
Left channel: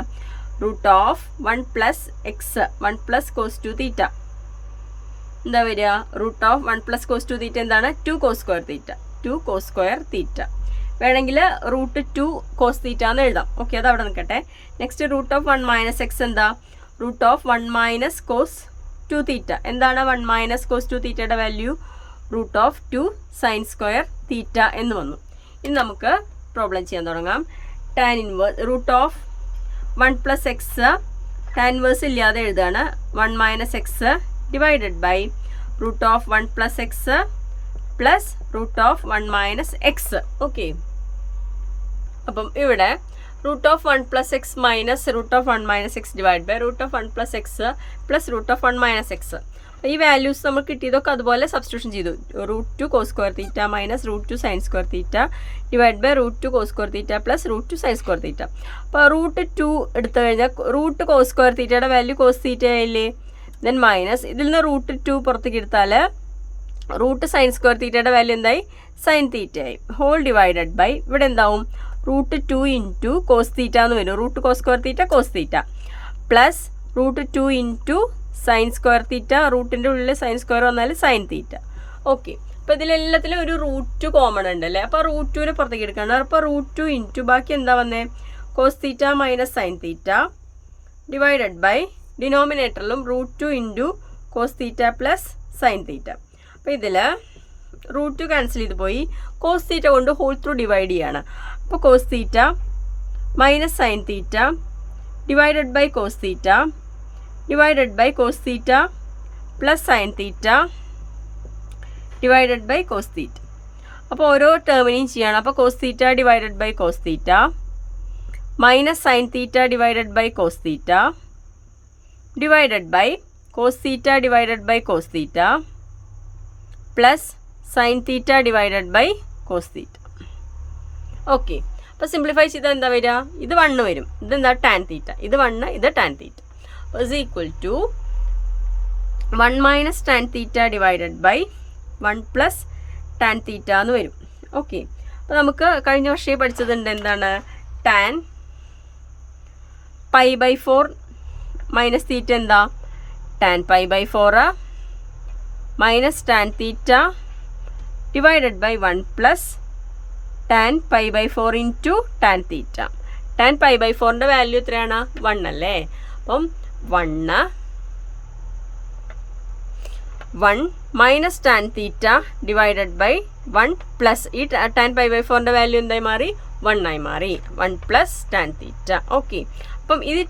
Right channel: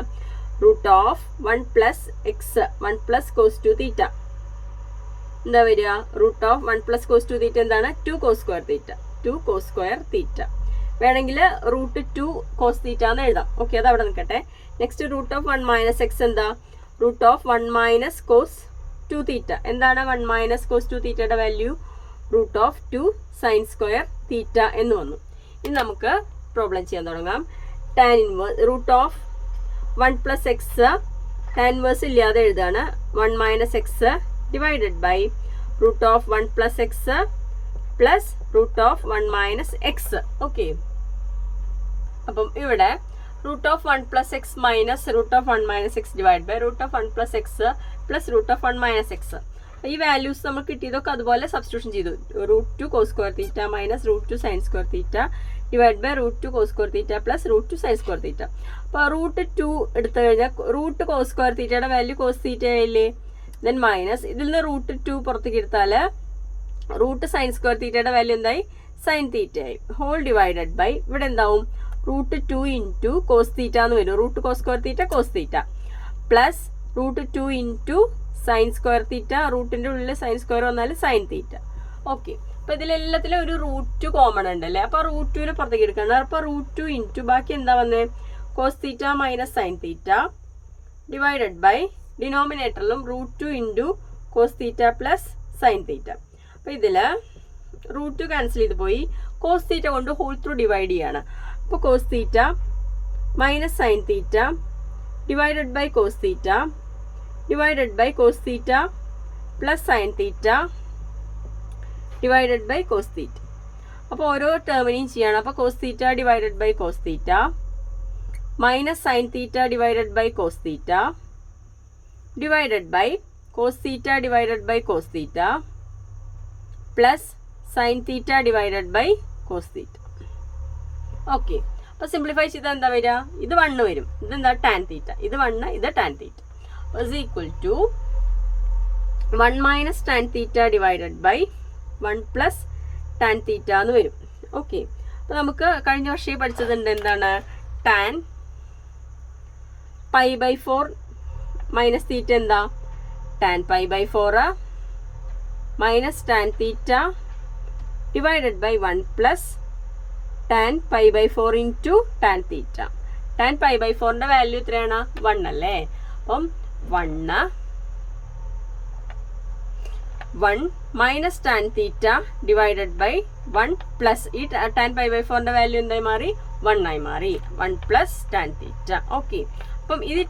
Root of 1 plus x 1 plus cos 2 theta എന്താ വരിക? Root of 1 plus cos 2 theta എന്താണ്? 2 cos square theta. 2 cos square theta വേണമെങ്കിൽ റൂട്ട് 2 കോസ് തീറ്റ എന്ന് എഴുതാം. ഓക്കെ, അത് അവിടെ നിൽക്കട്ടെ. Next root of 1 minus x എന്താ? Root of 1 minus cos 2 theta. എന്താണ് 1 മൈനസ് കോസ് 2 തീറ്റയുടെ value? Root of 2 sine square theta എന്ന് വന്നു. ഇനി നമുക്ക് പ്രോബ്ലം ചെയ്യാൻ തുടങ്ങാം. Tan inverse root of 1 plus x tan inverse ഇല്ലാതെ എഴുതാണ്. 1 minus x divided by root of 1 plus x plus root of 1 minus x. Okay, അപ്പം ഇവിടെ root of 1 plus x minus root of 1 minus x divide by root of 1 plus x plus root of 1 minus x. ഈ values നമുക്ക് കിട്ടിയതൊക്കെ അതുപോലെ substitution ചെയ്തു. Root 2 cos square theta minus root 2 sine square theta divide by root 2 cos square theta plus root 2 sine square theta. അപ്പോൾ root 2 എടുത്തു കഴിഞ്ഞാൽ root cos square തീറ്റയുടെ value cos theta ആയില്ലേ? ദെൻ മൈനസ് ഇതിൽ നിന്ന് റൂട്ട് 2 പുറത്തേക്ക് എടുത്താൽ റൂട്ട് സൈൻ സ്ക്വയർ തീറ്റയുടെ വാല്യൂ എന്തായി? സൈൻ തീറ്റ ആയി. ഹോൾ ഡിവൈഡഡ് ബൈ ഇവിടെ എന്താവും? റൂട്ട് 2 ഇൻറ്റു കോസ് തീറ്റ എന്ന് വരും. Root cos square theta cos theta plus root 2 into sine square theta. റൂട്ടിൻ്റെ ഉള്ളിൽ സൈൻ സ്ക്വയർ വന്നാൽ സൈൻ തീറ്റ. ഓക്കെ, അപ്പോൾ ഇതിലെല്ലാത്തിലും ഒരു റൂട്ട് കോമൺ ഉണ്ടല്ലേ? അപ്പോൾ റൂട്ട് 2 പുറത്തേക്ക് എടുക്കണം. അപ്പോൾ റൂട്ട് 2 ഇൻറ്റു ബാക്കി എന്താ വന്നേ? Cos theta minus sine theta divided by ഡിനോമിനേറ്ററിലും root 2 into cos theta plus sine theta. അപ്പോൾ ഇതിൽ റൂട്ട് 2 ക്യാൻസൽ ചെയ്ത് പോയി. കോസ് തീറ്റ കൊണ്ട് ഹോൾ ത്രൂ ഡിവൈഡ് ചെയ്യാണ്. അപ്പോൾ cos theta minus sine theta divided by cos theta divided by cos theta plus sine theta divided by cos theta. അപ്പോൾ ഓരോ ടേമിനെയും ചെയ്യണം. അപ്പോൾ cos theta divided by cos theta minus sine theta divided by cos theta divided by cos theta divided by cos theta plus sine theta divided by cos theta. Okay, അപ്പോൾ simplify ചെയ്താൽ എന്താ വരിക? ഇത് 1 വരും. ഇതെന്താ? Tan theta. ഇത് 1, ഇത് tan theta is equal to 1 minus tan theta divided by 1 plus tan theta എന്ന് വരും. ഓക്കെ, അപ്പോൾ നമുക്ക് കഴിഞ്ഞ വർഷം പഠിച്ചതുണ്ട് എന്താണ്? Tan pi by 4 minus theta എന്താ? Tan pi by 4 minus tan theta divided by 1 plus tan pi by 4 into tan theta. Tan pi by 4ൻ്റെ വാല്യൂ എത്രയാണ്? 1 അല്ലേ? അപ്പം 1 minus tan theta divided by 1 plus ഈ ടാൻ പൈ ബൈ 4ൻ്റെ value എന്തായി മാറി? 1 ആയി മാറി. 1 പ്ലസ് ടാൻ തീറ്റ. ഓക്കെ, അപ്പം ഇത്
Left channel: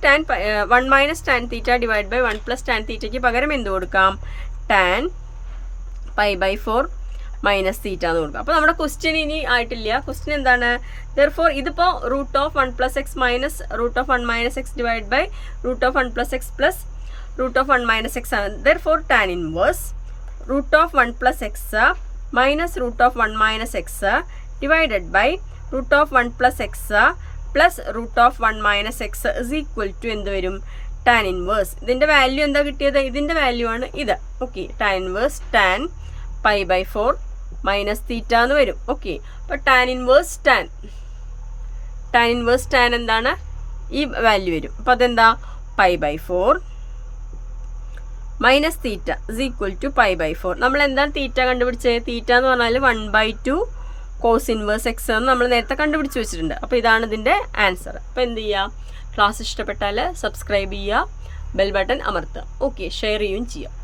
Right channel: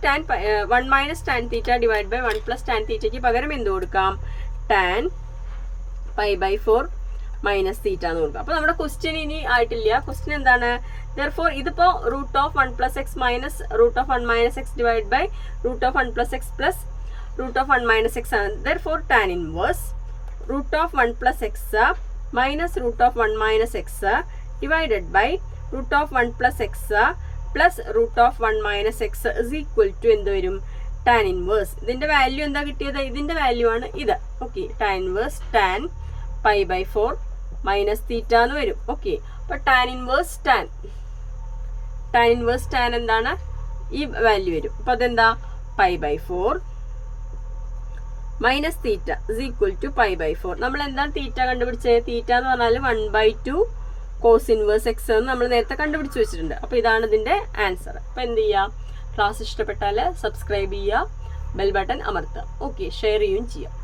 1 minus tan theta divide by 1 plus tan തീറ്റയ്ക്ക് പകരം എന്ത് കൊടുക്കാം? Tan pi by 4 minus theta എന്ന് കൊടുക്കാം. അപ്പോൾ നമ്മുടെ ക്വസ്റ്റ്യൻ ഇനി ആയിട്ടില്ല. ക്വസ്റ്റ്യൻ എന്താണ്? therefore ഇതിപ്പോൾ root of 1 plus x minus root of 1 minus x divide by root of 1 plus x plus root of 1 minus x ആണ്. therefore tan inverse root of 1 plus x minus root of 1 minus x divided by root of 1 plus x plus root of 1 minus x is equal to എന്ത് വരും? Tan inverse. ഇതിൻ്റെ value എന്താ കിട്ടിയത്? ഇതിൻ്റെ value ആണ് ഇത്. Okay, tan inverse tan π/4 minus theta എന്ന് വരും. ഓക്കെ, അപ്പോൾ ടാൻ ഇൻവേഴ്സ് ടാൻ എന്താണ്? ഈ വാല്യൂ വരും. അപ്പോൾ അതെന്താ? π/4 minus theta is equal to π/4. നമ്മൾ എന്താണ് തീറ്റ കണ്ടുപിടിച്ചത്? തീറ്റ എന്ന് പറഞ്ഞാൽ 1/2 കോസ് ഇൻവേഴ്സ് എക്സ് എന്ന് നമ്മൾ നേരത്തെ കണ്ടുപിടിച്ച് വെച്ചിട്ടുണ്ട്. അപ്പോൾ ഇതാണ് ഇതിൻ്റെ ആൻസർ. അപ്പോൾ എന്ത് ചെയ്യുക? ക്ലാസ് ഇഷ്ടപ്പെട്ടാൽ സബ്സ്ക്രൈബ് ചെയ്യുക, ബെൽ ബട്ടൺ അമർത്തുക. ഓക്കെ, ഷെയർ ചെയ്യുകയും ചെയ്യുക.